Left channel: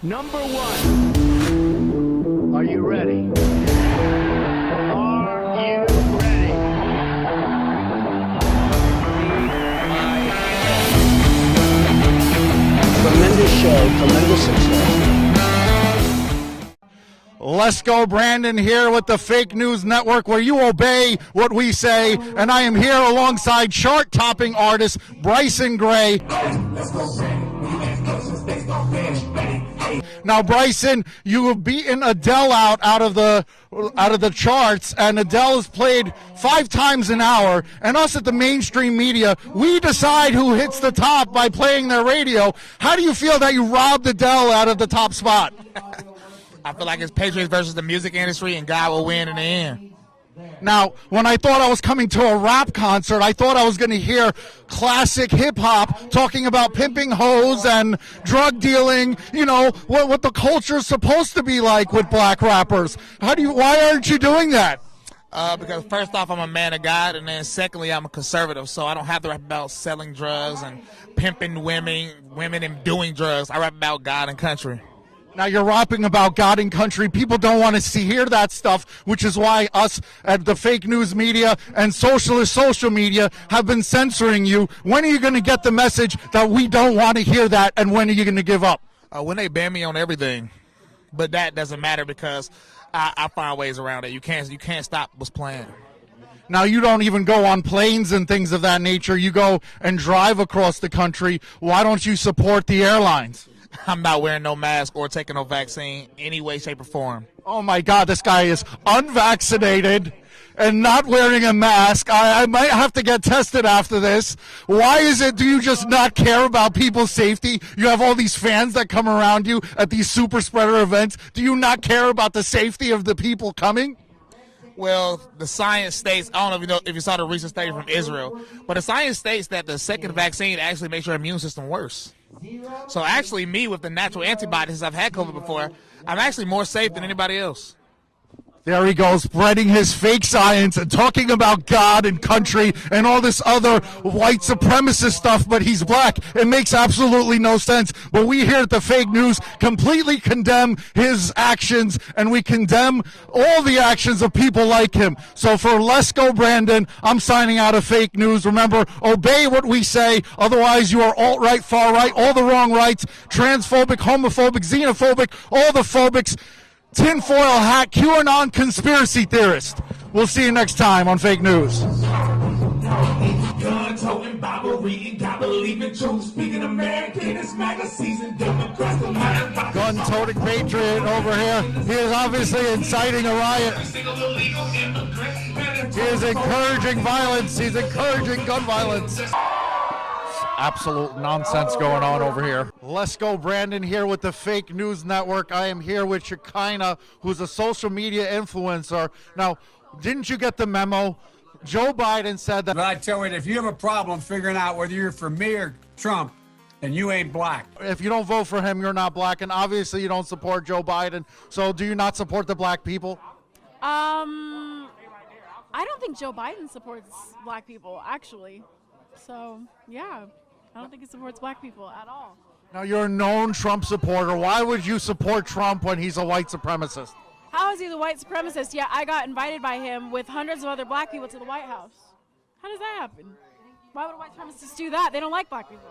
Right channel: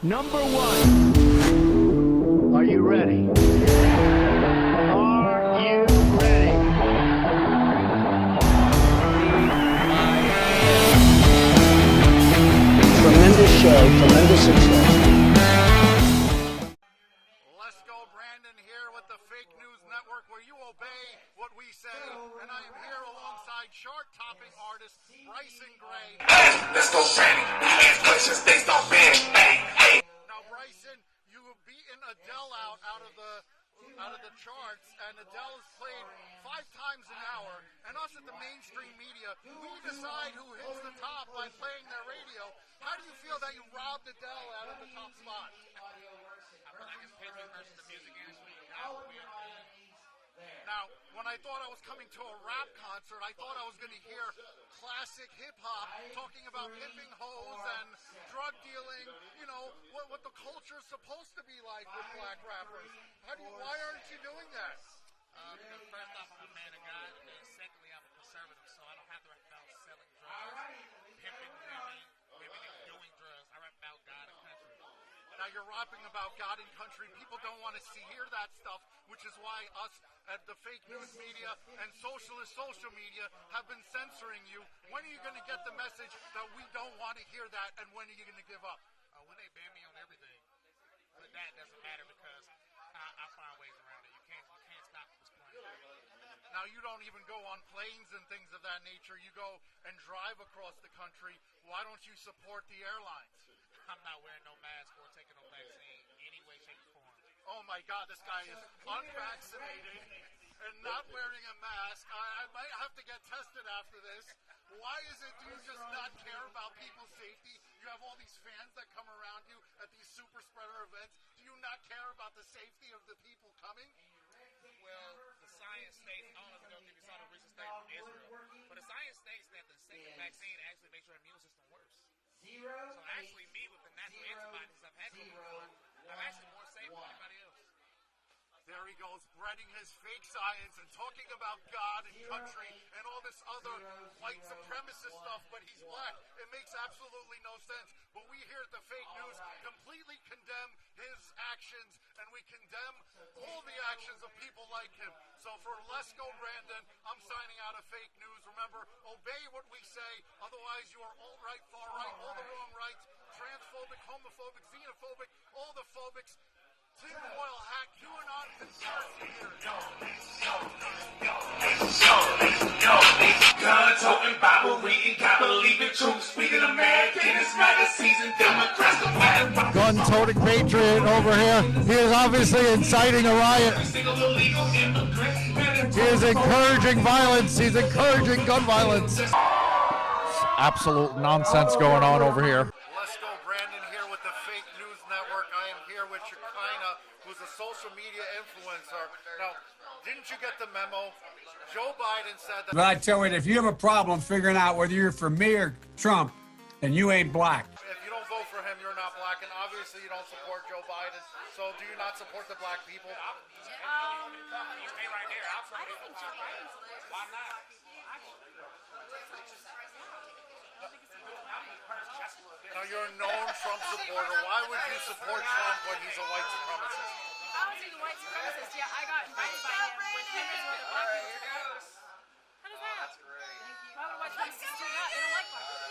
Number one. Are you ready? Are you ready? Tremendous show, tremendous success. Lesko Brandon here with the Fake News Network, where you obey what we say, and I am here alongside chart-topping artist Bryson Gray. Let's go, Brandon. When you ask questions, they start banning. Hey. Now, Bryson, you have beaten Adele out of the charts, and Adele is played 5 times an hour, and us at the mainstream media, we decide who hits the top by playing their radio. How do you feel that you robbed Adele out of the top spot? I feel like it's Patriots versus the music industry, and God will win in the end. Now, when I thought I was coming to a rap concert, I thought I was going to hear classic hip-hop talking about pimping hoes and drug dealing, you know, what the culture is supposed to be like with black rappers. Why aren't you doing that? Because first off, I'm a man of God, and then secondly, I'm a conservative, so I don't have to rap about selling drugs and pimping women and doing drugs. I rap about God and country. Now, you're rapping about God and country. People don't want to hear that stuff, which is why us at the fake news media and socialist social media have been censoring you. When are you going to get the message that we don't want to hear that, and when are you going to give up? When they ban me on everything, but that doesn't matter because I find ways around it. You can't stop what's planned. Now, you don't even go on planes and things of that nature. You go and drive across the country. Why don't you support the airlines? I'm not wearing no mask or taking no vaccine any way, shape, or form. Oh, my God, this guy is unvaccinated and not wearing a mask. I might have to get tested after this. Why is it, do you just not care about people's safety? You have all these fans that come around you at these super spreader events. Do you not care about the safety of the people coming? Well, the science states, I don't know if you saw the recent study from Israel, but the science states that the second vaccine actually makes your immune system worse. So actually, me with the natural antibodies, I've had COVID before, I'm actually more safe than anybody else. There he goes, spreading his fake science and talking about God and country and all this other white supremacist stuff, but he's black. It makes absolutely no sense. But we here at the Fake News completely condemn his actions, and we condemn all the actions of people like him. So for Lesko Brandon, I'm signing out of Fake News. Remember, obey what we say, otherwise you are alt-right, far-right, all the wrong rights, transphobic, homophobic, xenophobic, all the phobics, tinfoil hat, QAnon conspiracy theorist. We'll see you next time on Fake News. Gun-toting, Bible reading, God believing truth, speaking of man, penis, magazines, and Democrats, the white rock. Gun-toting patriot over here. He is obviously inciting a riot. He is encouraging violence. He's encouraging gun violence. Absolute nonsense going on over here. Lesko Brandon here with the Fake News Network. I am here with Shekinah, who's a social media influencer. Now, didn't you get the memo? Joe Biden said that. But I tell you, if you have a problem figuring out whether you're for me or Trump, then you ain't black. If you don't vote for him, you're not black, and obviously you don't support Joe Biden. So do you not support the black people? I don't think Joe Biden supports black people, actually. So, yeah. I don't think he supports black people at all. Now, you're a known Trump supporter. Why would you support Trump when he's a white supremacist? How is he the white supremacist? Yeah, I got invited by him with hundreds of other black people to the White House. How does that happen? Why would white supremacists do that? They don't like black people.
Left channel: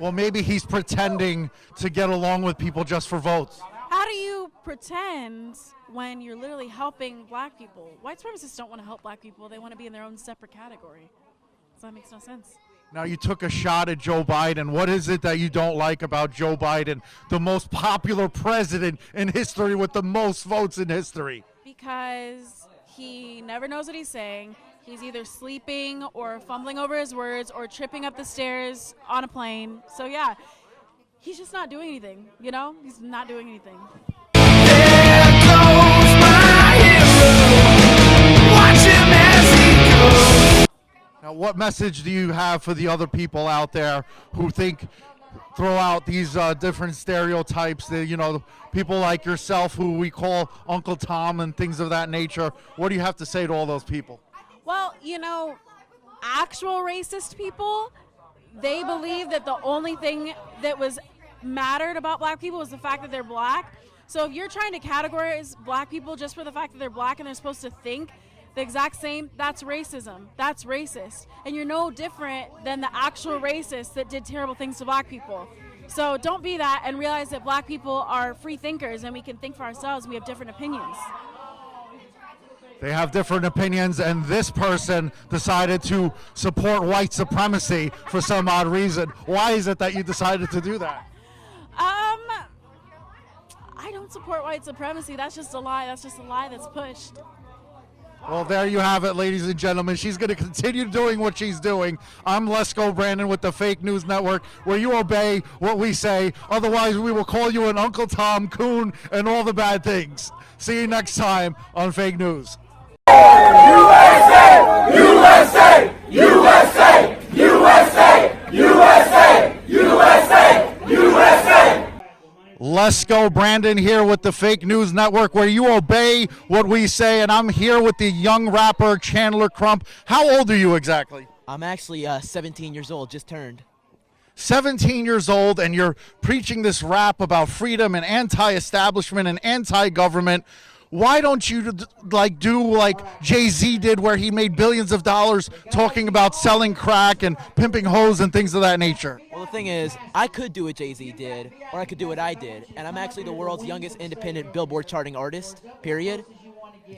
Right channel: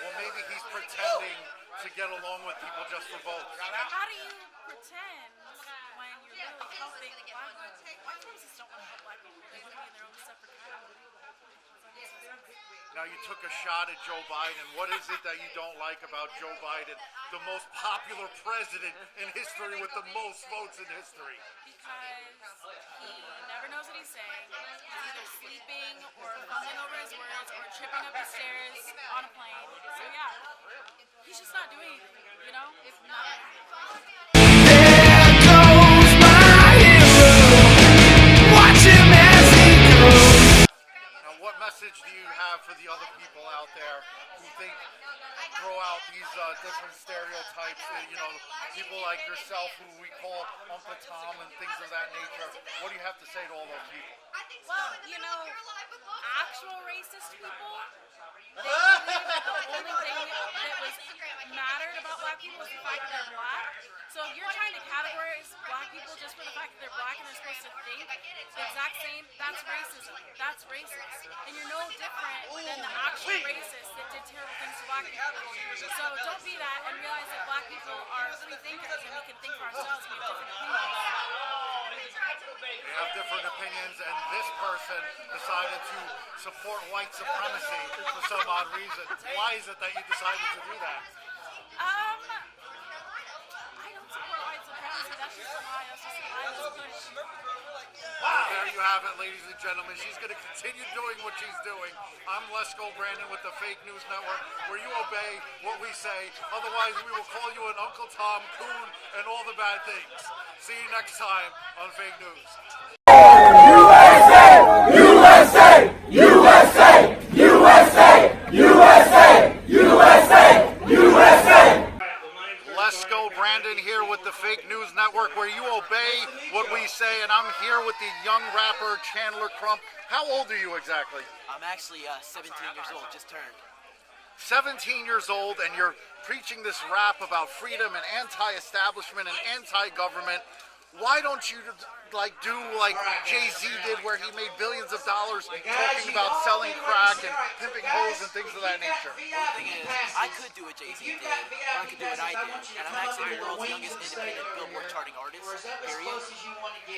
Well, maybe he's pretending to get along with people just for votes. How do you pretend when you're literally helping black people? White supremacists don't want to help black people. They want to be in their own separate category. So that makes no sense. Now, you took a shot at Joe Biden. What is it that you don't like about Joe Biden, the most popular president in history with the most votes in history? Because he never knows what he's saying. He's either sleeping or fumbling over his words or tripping up the stairs on a plane. So, yeah, he's just not doing anything, you know? He's not doing anything. There goes my hero. Watch him as he goes. Now, what message do you have for the other people out there who throw out these different stereotypes, people like yourself who we call Uncle Tom and things of that nature? What do you have to say to all those people? Well, actual racist people, they believe that the only thing that was mattered about black people was the fact that they're black. So if you're trying to categorize black people just for the fact that they're black and they're supposed to think the exact same, that's racism. That's racist. And you're no different than the actual racists that did terrible things to black people. So don't be that and realize that black people are free thinkers and we can think for ourselves. We have different opinions. They have different opinions, and this person decided to support white supremacy for some odd reason. Why is it that you decided to do that? I don't support white supremacy. That's just a lie. That's just a lie that's pushed. Well, there you have it, ladies and gentlemen. She's going to continue doing what she's doing. I'm Lesko Brandon with the Fake News Network, where you obey what we say. Otherwise, we will call you an Uncle Tom, coon, and all the bad things. See you next time on Fake News. USA! USA! USA! USA! USA! USA! USA! Lesko Brandon here with the Fake News Network, where you obey what we say, and I'm here with the young rapper Chandler Crump. How old are you exactly? I'm actually 17 years old, just turned. 17 years old, and you're preaching this rap about freedom and anti-establishment and anti-government. Why don't you do like Jay-Z did, where he made billions of dollars talking about selling crack and pimping hoes and things of that nature? Well, the thing is, I could do what Jay-Z did, or I could do what I did, and I'm actually the world's youngest independent Billboard charting artist, period.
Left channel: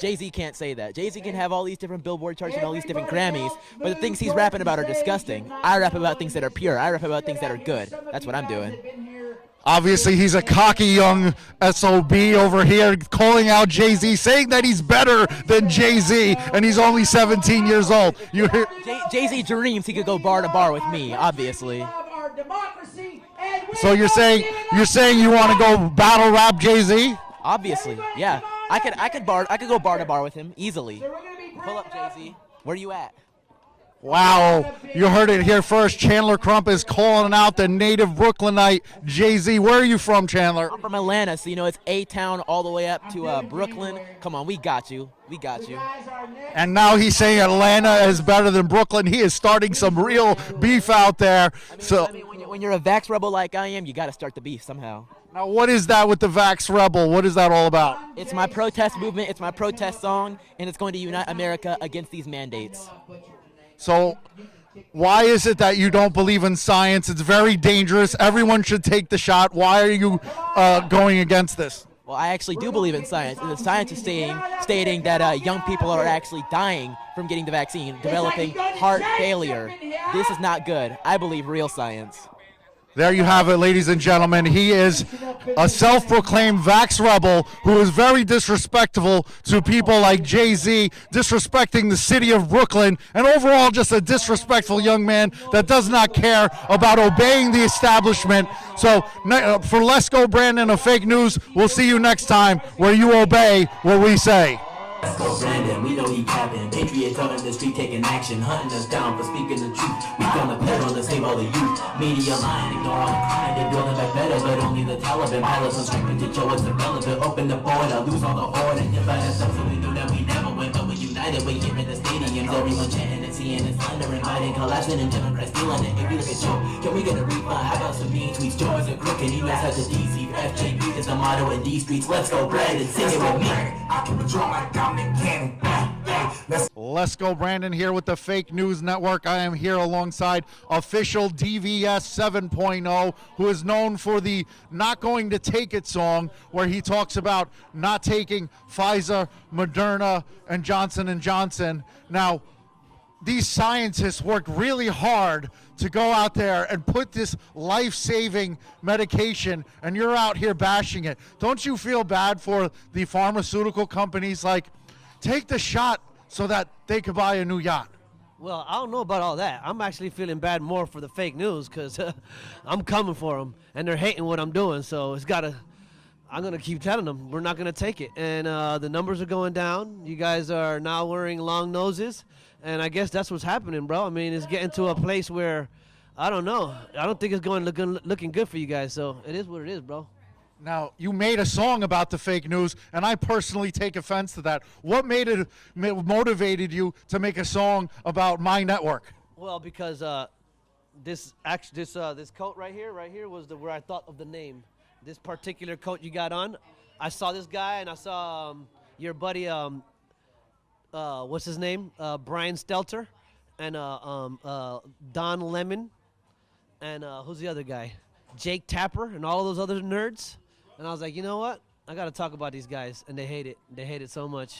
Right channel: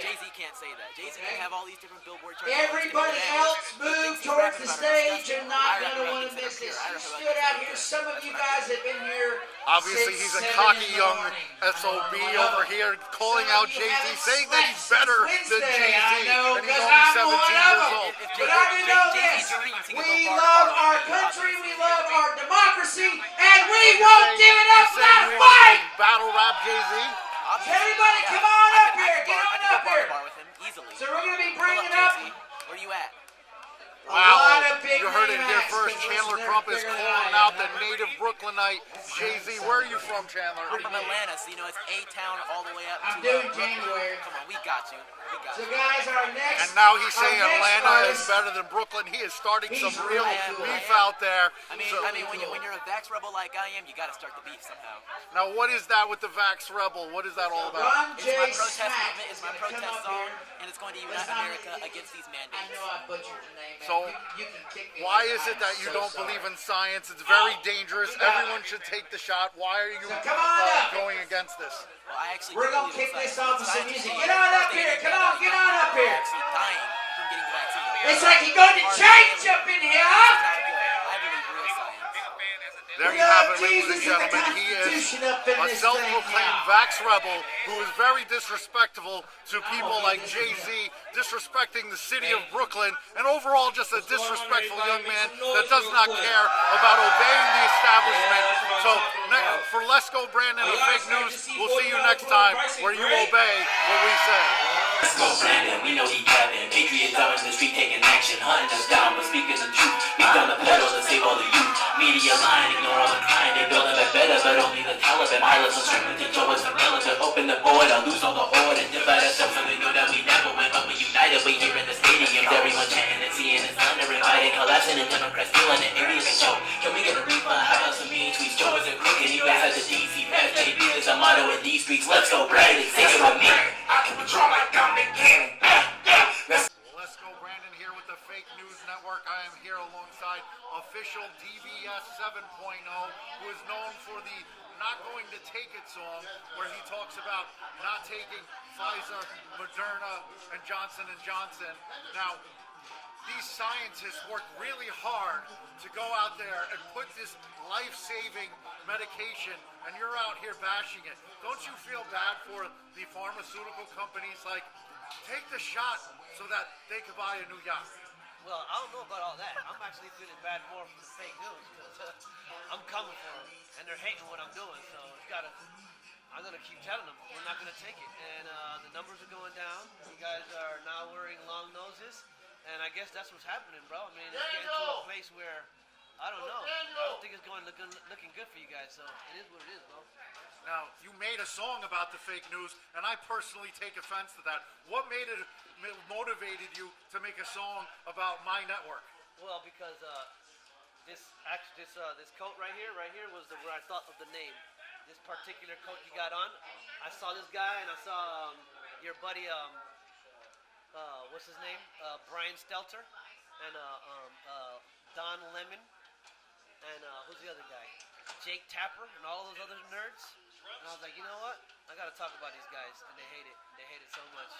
Jay-Z can't say that. Jay-Z can have all these different Billboard charts and all these different Grammys, but the things he's rapping about are disgusting. I rap about things that are pure. I rap about things that are good. That's what I'm doing. Obviously, he's a cocky young SOB over here calling out Jay-Z, saying that he's better than Jay-Z, and he's only 17 years old. Jay-Z dreams he could go bar to bar with me, obviously. So you're saying you want to go battle rap Jay-Z? Obviously, yeah. I could go bar to bar with him easily. Pull up, Jay-Z. Where you at? Wow, you heard it here first. Chandler Crump is calling out the native Brooklynite Jay-Z. Where are you from, Chandler? I'm from Atlanta, so you know it's A-Town all the way up to Brooklyn. Come on, we got you. We got you. And now he's saying Atlanta is better than Brooklyn. He is starting some real beef out there. I mean, when you're a Vax rebel like I am, you got to start the beef somehow. Now, what is that with the Vax Rebel? What is that all about? It's my protest movement. It's my protest song, and it's going to unite America against these mandates. So why is it that you don't believe in science? It's very dangerous. Everyone should take the shot. Why are you going against this? Well, I actually do believe in science. And the science is stating that young people are actually dying from getting the vaccine, developing heart failure. This is not good. I believe real science. There you have it, ladies and gentlemen. He is a self-proclaimed Vax rebel who is very disrespectful to people like Jay-Z, disrespecting the city of Brooklyn, and overall just a disrespectful young man that does not care about obeying the establishment. So for Lesko Brandon of Fake News, we'll see you next time where you obey what we say. Lesko Brandon, we know he capping. Patriots out in the street taking action, hunting us down for speaking the truth. We done the pedal to save all the youth. Media lying, ignore all the crying. They building back better, but only the Taliban. Pilots on strength to teach what's irrelevant. Open the border, lose all the order. Divide ourselves so we know that we never win, but we united. We here in the stadiums, everyone chanting and seeing and thunder, inviting, collapsing, and Democrats feeling it. Maybe look at Joe. Can we get a refund? How about some mean tweets? Joe is a crook and you guys have the DC. FJB is the motto in these streets. Let's go, Brandon. Sing it with me. I can withdraw like Lesko Brandon here with the Fake News Network. I am here alongside official DVS 7.0, who is known for the Not Going to Take It song, where he talks about not taking Pfizer, Moderna, and Johnson & Johnson. Now, these scientists work really hard to go out there and put this life-saving medication, and you're out here bashing it. Don't you feel bad for the pharmaceutical companies? Like, take the shot so that they could buy a new yacht. Well, I don't know about all that. I'm actually feeling bad more for the fake news because I'm coming for them, and they're hating what I'm doing. So I'm going to keep telling them we're not going to take it. And the numbers are going down. You guys are now wearing long noses, and I guess that's what's happening, bro. I mean, it's getting to a place where, I don't know. I don't think it's looking good for you guys. So it is what it is, bro. Now, you made a song about the fake news, and I personally take offense to that. What motivated you to make a song about my network? Well, because this coat right here was where I thought of the name. This particular coat you got on, I saw this guy and I saw your buddy what's his name? Brian Stelter and Don Lemon and who's the other guy? Jake Tapper and all those other nerds. And I was like, you know what? I got to talk about these guys, and they hate it. They hate it so much.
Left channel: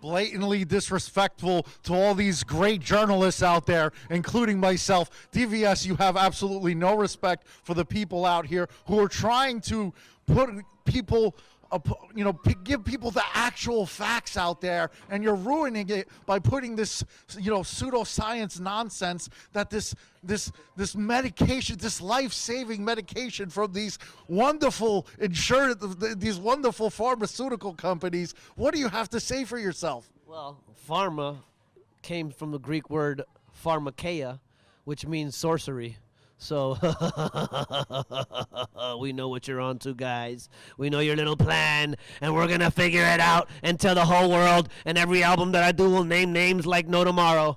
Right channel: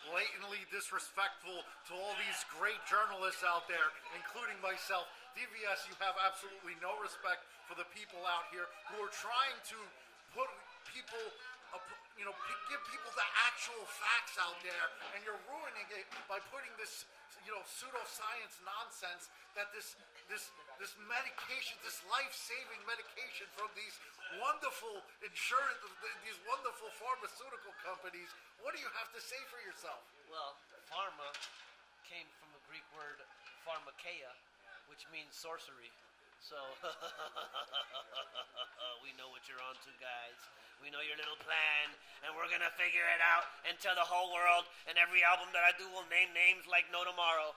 Blatantly disrespectful to all these great journalists out there, including myself. DVS, you have absolutely no respect for the people out here who are trying to put people, give people the actual facts out there, and you're ruining it by putting this, pseudoscience nonsense that this medication, this life-saving medication from these wonderful these wonderful pharmaceutical companies. What do you have to say for yourself? Well, pharma came from the Greek word pharmakeia, which means sorcery. So we know what you're on to, guys. We know your little plan, and we're going to figure it out and tell the whole world, and every album that I do will name names like no tomorrow.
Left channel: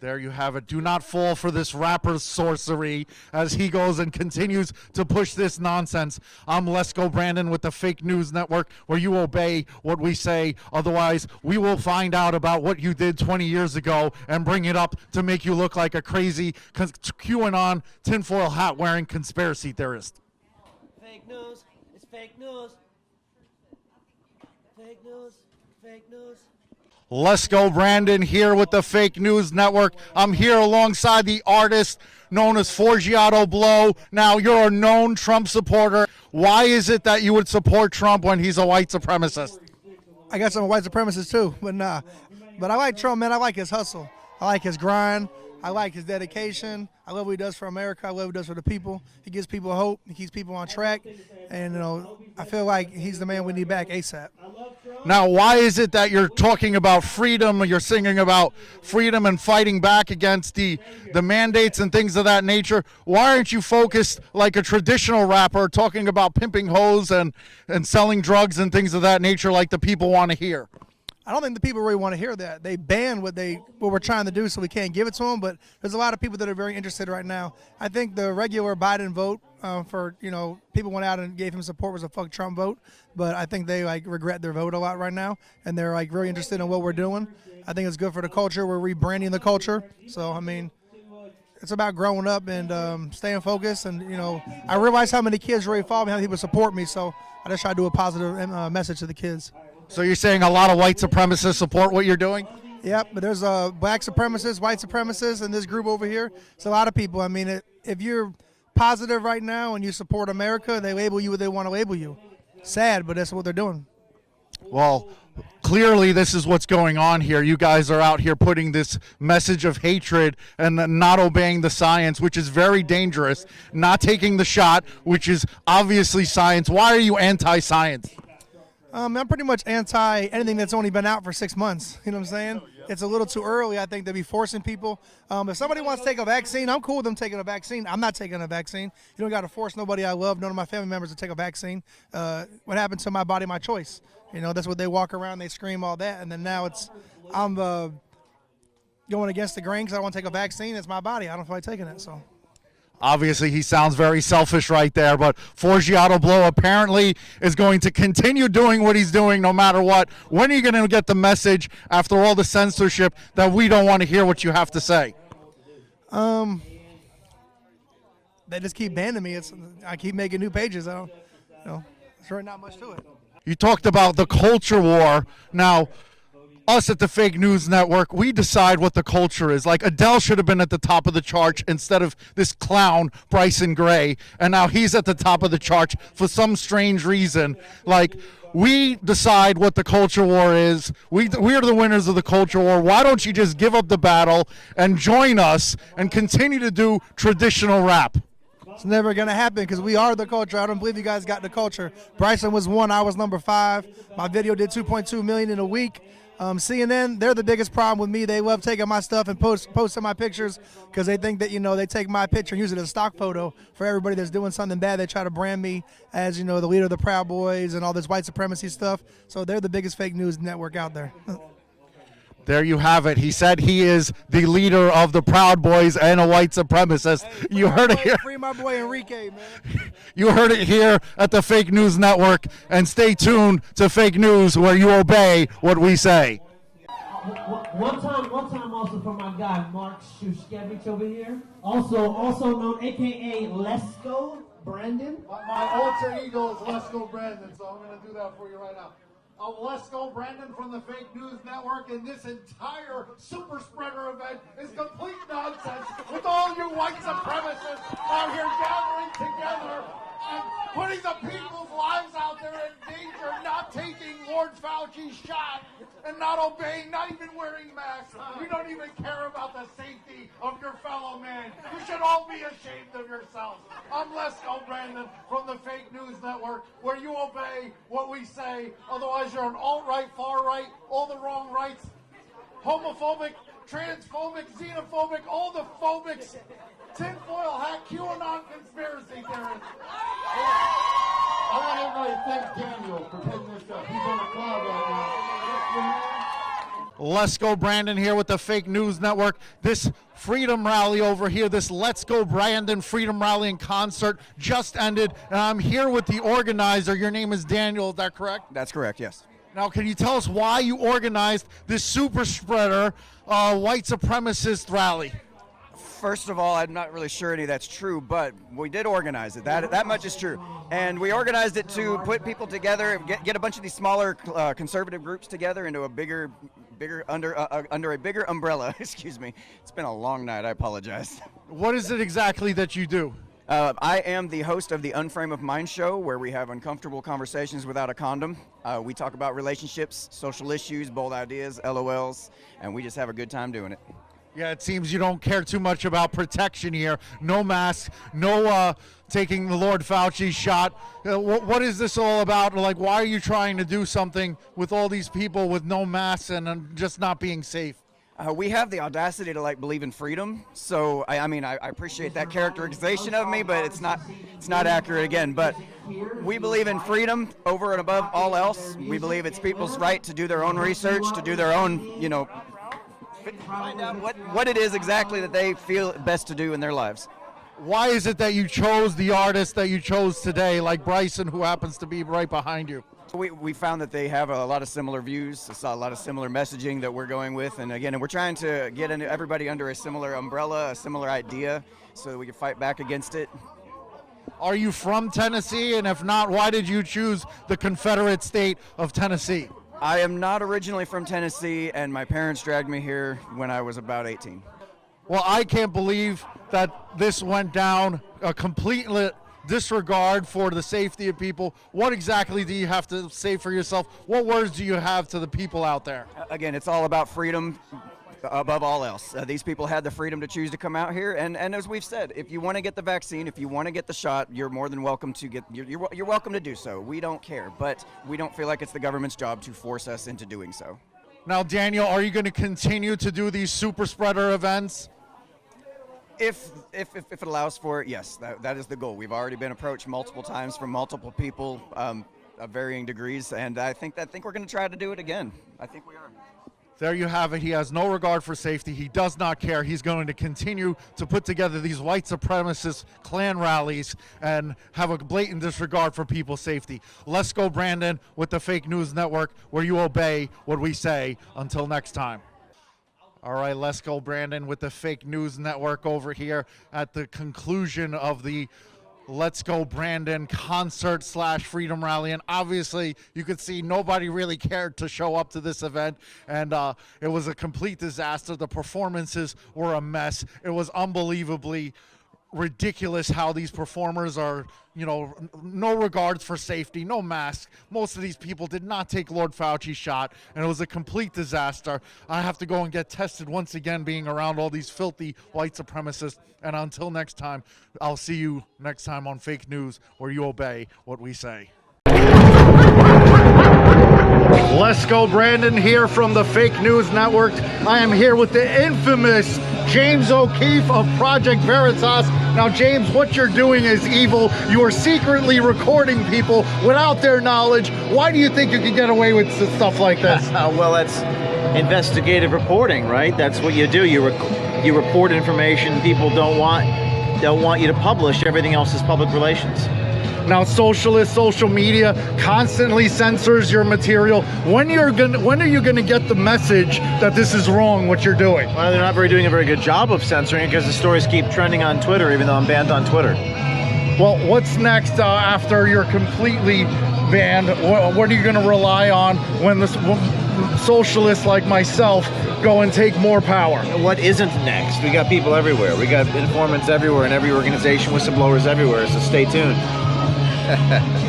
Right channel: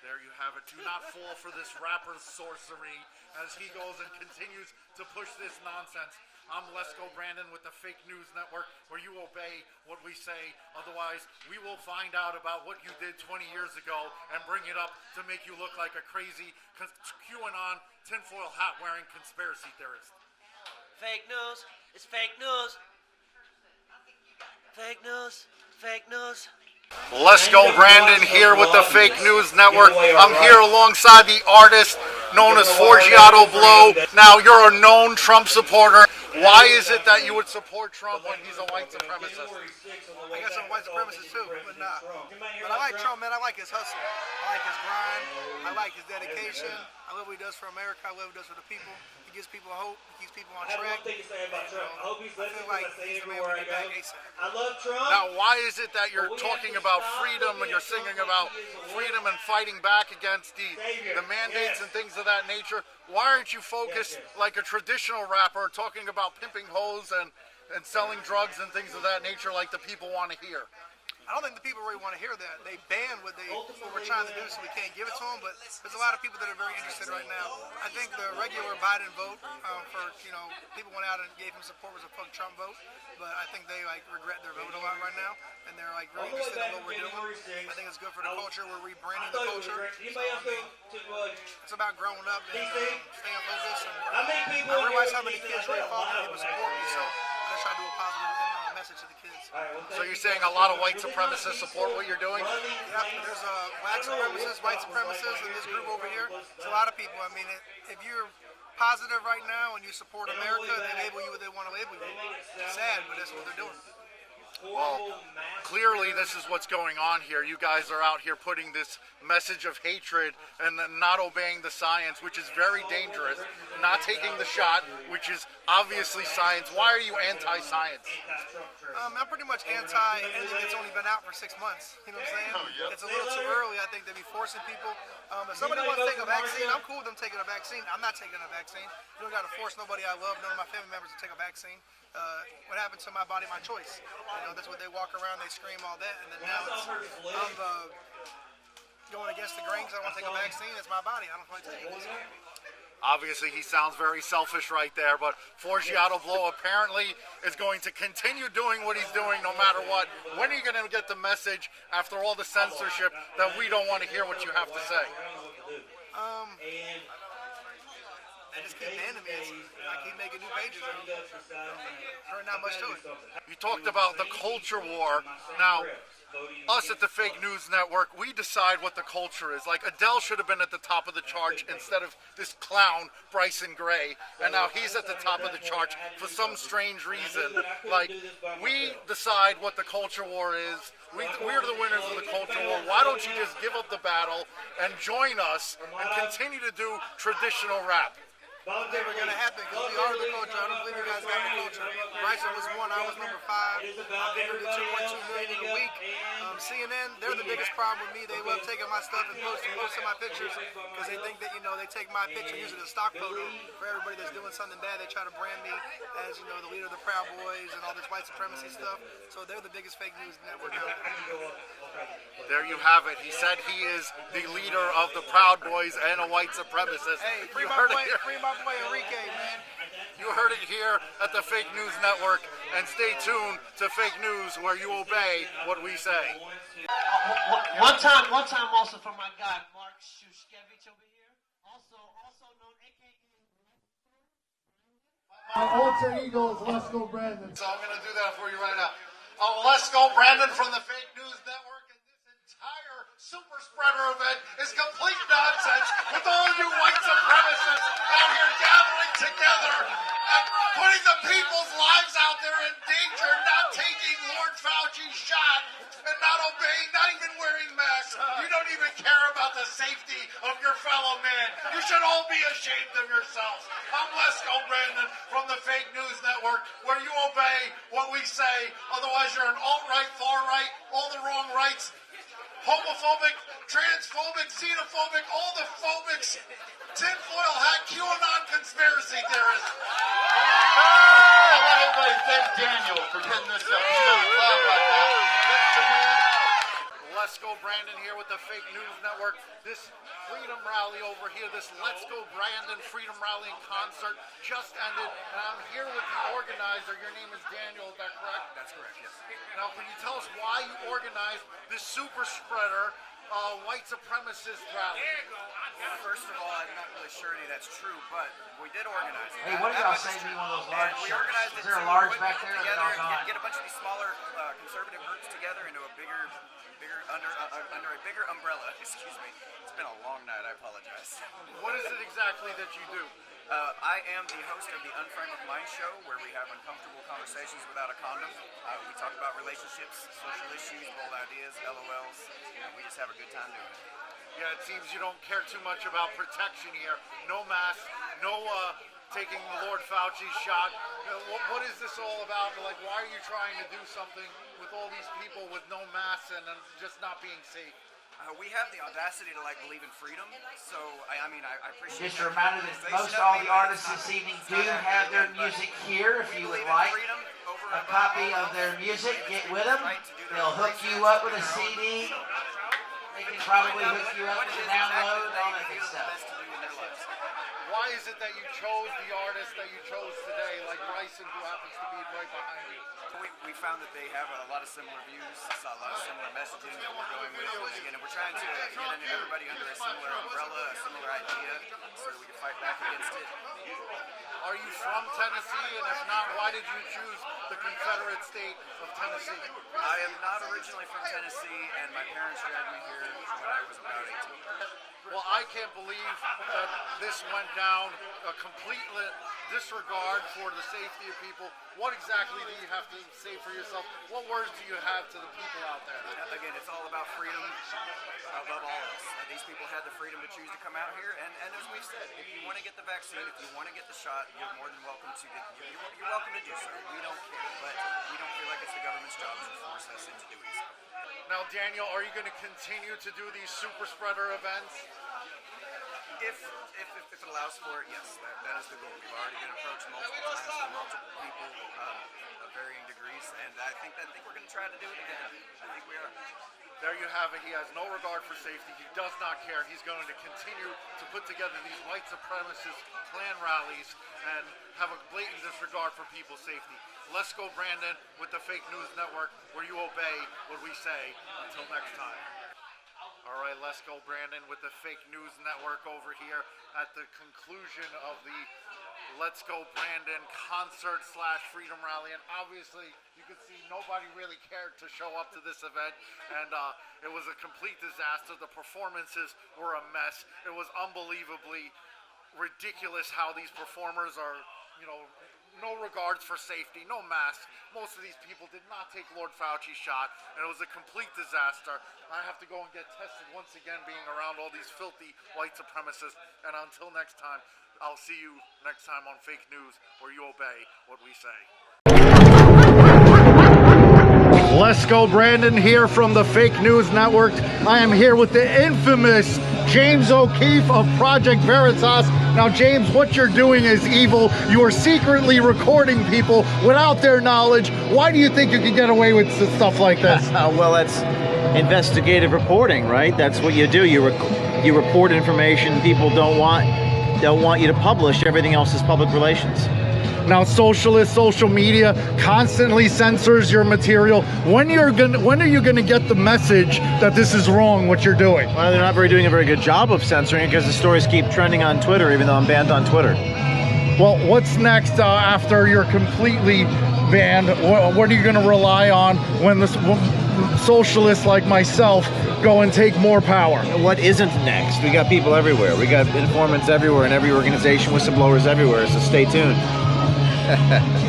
There you have it. Do not fall for this rapper's sorcery as he goes and continues to push this nonsense. I'm Lesko Brandon with the Fake News Network, where you obey what we say. Otherwise, we will find out about what you did 20 years ago and bring it up to make you look like a crazy QAnon tinfoil hat wearing conspiracy theorist. Fake news. It's fake news. Fake news. Fake news. Lesko Brandon here with the Fake News Network. I'm here alongside the artist known as Forgiato Blow. Now, you're a known Trump supporter. Why is it that you would support Trump when he's a white supremacist? I guess I'm a white supremacist too, but nah. But I like Trump, man. I like his hustle. I like his grind. I like his dedication. I love what he does for America. I love what he does for the people. He gives people hope. He keeps people on track. And, I feel like he's the man we need back ASAP. Now, why is it that you're talking about freedom, you're singing about freedom and fighting back against the mandates and things of that nature? Why aren't you focused like a traditional rapper talking about pimping hoes and selling drugs and things of that nature like the people want to hear? I don't think the people really want to hear that. They ban what we're trying to do, so we can't give it to them. But there's a lot of people that are very interested right now. I think the regular Biden vote people went out and gave him support was a fuck Trump vote. But I think they regret their vote a lot right now, and they're really interested in what we're doing. I think it's good for the culture. We're rebranding the culture. So I mean, it's about growing up and staying focused. And I realize how many kids really follow me, how many people support me. So I just try to do a positive message to the kids. So you're saying a lot of white supremacists support what you're doing? Yep, but there's black supremacists, white supremacists, and this group over here. It's a lot of people. I mean, if you're positive right now and you support America, they label you what they want to label you. Sad, but that's what they're doing. Well, clearly this is what's going on here. You guys are out here putting this message of hatred and not obeying the science, which is very dangerous, not taking the shot, which is obviously science. Why are you anti-science? I'm pretty much anti anything that's only been out for 6 months. You know what I'm saying? It's a little too early, I think, to be forcing people. If somebody wants to take a vaccine, I'm cool with them taking a vaccine. I'm not taking a vaccine. You don't got to force nobody I love, none of my family members to take a vaccine. What happened to my body, my choice? That's what they walk around, they scream all that, and then now I'm going against the grain because I want to take a vaccine. It's my body. I don't feel like taking it. So. Obviously, he sounds very selfish right there, but Forgiato Blow apparently is going to continue doing what he's doing no matter what. When are you going to get the message after all the censorship that we don't want to hear what you have to say? They just keep banning me. I keep making new pages. There's really not much to it. You talked about the culture war. Now, us at the Fake News Network, we decide what the culture is. Like, Adele should have been at the top of the chart instead of this clown, Bryson Gray, and now he's at the top of the chart for some strange reason. Like, we decide what the culture war is. We are the winners of the culture war. Why don't you just give up the battle and join us and continue to do traditional rap? It's never going to happen because we are the culture. I don't believe you guys got the culture. Bryson was 1. I was number 5. My video did 2.2 million in a week. CNN, they're the biggest problem with me. They love taking my stuff and posting my pictures because they think that, they take my picture and use it as a stock photo for everybody that's doing something bad. They try to brand me as, the leader of the Proud Boys and all this white supremacy stuff. So they're the biggest fake news network out there. There you have it. He said he is the leader of the Proud Boys and a white supremacist. You heard it here. Free my boy Enrique, man. You heard it here at the Fake News Network. And stay tuned to Fake News, where you obey what we say. One time also for my guy, Mark Shushkevich over here. Also known, a.k.a. Lesko Brandon. My alter ego is Lesko Brandon, so I'm going to do that for you right now. Lesko Brandon from the Fake News Network, and this entire super spreader event is complete nonsense with all you white supremacists out here gathering together and putting the people's lives out there in danger, not taking Lord Fauci's shot and not obeying, not even wearing masks. You don't even care about the safety of your fellow man. You should all be ashamed of yourselves. I'm Lesko Brandon from the Fake News Network, where you obey what we say. Otherwise, you're an alt-right, far-right, all the wrong rights, homophobic, transphobic, xenophobic, all the phobics, tinfoil hat, QAnon conspiracy theorists. I want everybody to thank Daniel for putting this up. He's on the cloud right now. Lesko Brandon here with the Fake News Network. This Freedom Rally over here, this Let's Go Brandon Freedom Rally in concert just ended, and I'm here with the organizer. Your name is Daniel, is that correct? That's correct, yes. Now, can you tell us why you organized this super spreader white supremacist rally? First of all, I'm not really sure any of that's true, but we did organize it. That much is true. And we organized it to put people together, get a bunch of these smaller conservative groups together into a bigger under a bigger umbrella. Excuse me. It's been a long night. I apologize. What is it exactly that you do? I am the host of the Unframe of Mind show, where we have uncomfortable conversations without a condom. We talk about relationships, social issues, bold ideas, LOLs, and we just have a good time doing it. Yeah, it seems you don't care too much about protection here. No masks, no taking the Lord Fauci's shot. What is this all about? Like, why are you trying to do something with all these people with no masks and just not being safe? We have the audacity to believe in freedom, so I appreciate that characterization of me, but it's not accurate again. But we believe in freedom over and above all else. We believe it's people's right to do their own research, to do their own, what it is exactly that they feel best to do in their lives. Why is it that you chose the artist that you chose today, like Bryson, who happens to be right behind you? We found that they have a lot of similar views, a lot of similar messaging that we're going with, and again, we're trying to get everybody under a similar umbrella, a similar idea, so that we can fight back against it. Are you from Tennessee? And if not, why did you choose the Confederate state of Tennessee? I am not originally from Tennessee, and my parents dragged me here when I was about 18. Well, I can't believe that this went down, a complete disregard for the safety of people. What exactly do you have to say for yourself? What words do you have to the people out there? Again, it's all about freedom above all else. These people had the freedom to choose to come out here, and as we've said, if you want to get the vaccine, if you want to get the shot, you're more than welcome to you're welcome to do so. We don't care, but we don't feel like it's the government's job to force us into doing so. Now, Daniel, are you going to continue to do these super spreader events? If it allows for it, yes, that is the goal. We've already been approached multiple times from multiple people of varying degrees, and I think we're going to try to do it again. I think we are. There you have it. He has no regard for safety. He does not care. He's going to continue to put together these white supremacist Klan rallies and have a blatant disregard for people's safety. Let's go, Brandon, with the Fake News Network, where you obey what we say. Until next time. All right, let's go, Brandon, with the Fake News Network over here at the conclusion of the Let's Go Brandon concert / Freedom Rally. And obviously, you could see nobody really cared to show up to this event. And it was a complete disaster. The performances were a mess. It was unbelievably ridiculous how these performers are, no regards for safety, no masks. Most of these people did not take Lord Fauci's shot, and it was a complete disaster. I have to go and get tested once again, being around all these filthy white supremacists. And until next time, I'll see you next time on Fake News, where you obey what we say. Let's go, Brandon, here from the Fake News Network. I am here with the infamous James O'Keefe of Project Veritas. Now, James, what you're doing is evil. You are secretly recording people without their knowledge. Why do you think you can get away with stuff like this? Well, investigative reporting, right? That's what you do. You report information people don't want you to publish. Everything else is public relations. Now, social media constantly censors your material. When are you gonna get the message that this is wrong, what you're doing? Well, they're not doing a very good job of censoring it because the stories keep trending on Twitter, even though I'm banned on Twitter. Well, what's next after you're completely banned? What are you gonna rely on when the socialists like myself go and take more power? What isn't next? We got people everywhere. We got informants everywhere in every organization, whistleblowers everywhere, so stay tuned.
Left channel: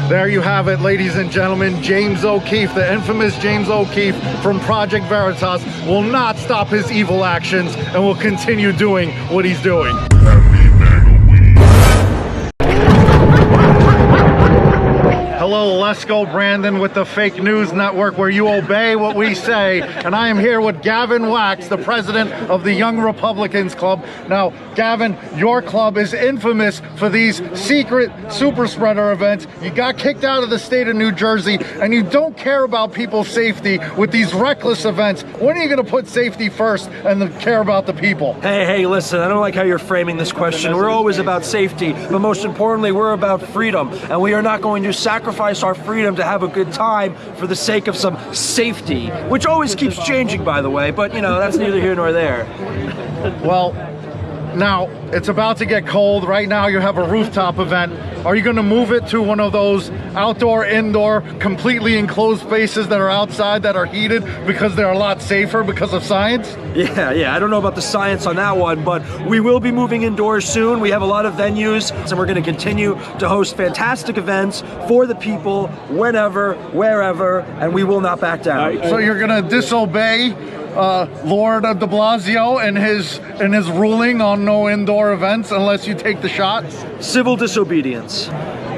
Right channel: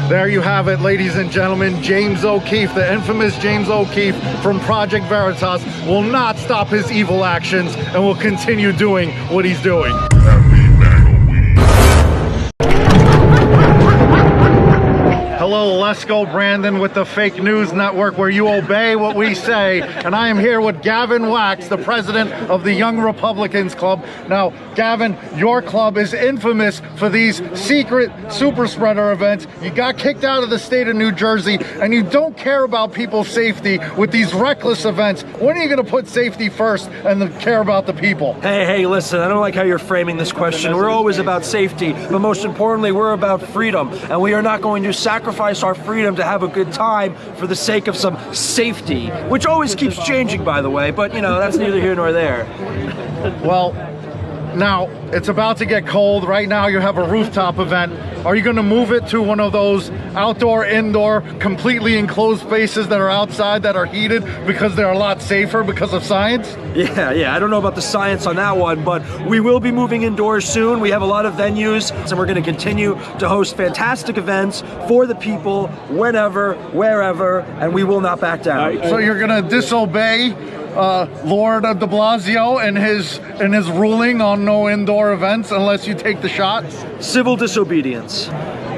There you have it, ladies and gentlemen. James O'Keefe, the infamous James O'Keefe from Project Veritas, will not stop his evil actions and will continue doing what he's doing. Hello, Lesko Brandon with the Fake News Network, where you obey what we say. And I am here with Gavin Wax, the president of the Young Republicans Club. Now, Gavin, your club is infamous for these secret super spreader events. You got kicked out of the state of New Jersey, and you don't care about people's safety with these reckless events. When are you going to put safety first and then care about the people? Hey, listen, I don't like how you're framing this question. We're always about safety, but most importantly, we're about freedom, and we are not going to sacrifice our freedom to have a good time for the sake of some safety, which always keeps changing, by the way, but, you know, that's neither here nor there. Well, now, it's about to get cold. Right now, you have a rooftop event. Are you going to move it to one of those outdoor, indoor, completely enclosed spaces that are outside that are heated because they're a lot safer because of science? Yeah, I don't know about the science on that one, but we will be moving indoors soon. We have a lot of venues, and we're going to continue to host fantastic events for the people, whenever, wherever, and we will not back down. So you're going to disobey Lord de Blasio and his ruling on no indoor events unless you take the shot? Civil disobedience.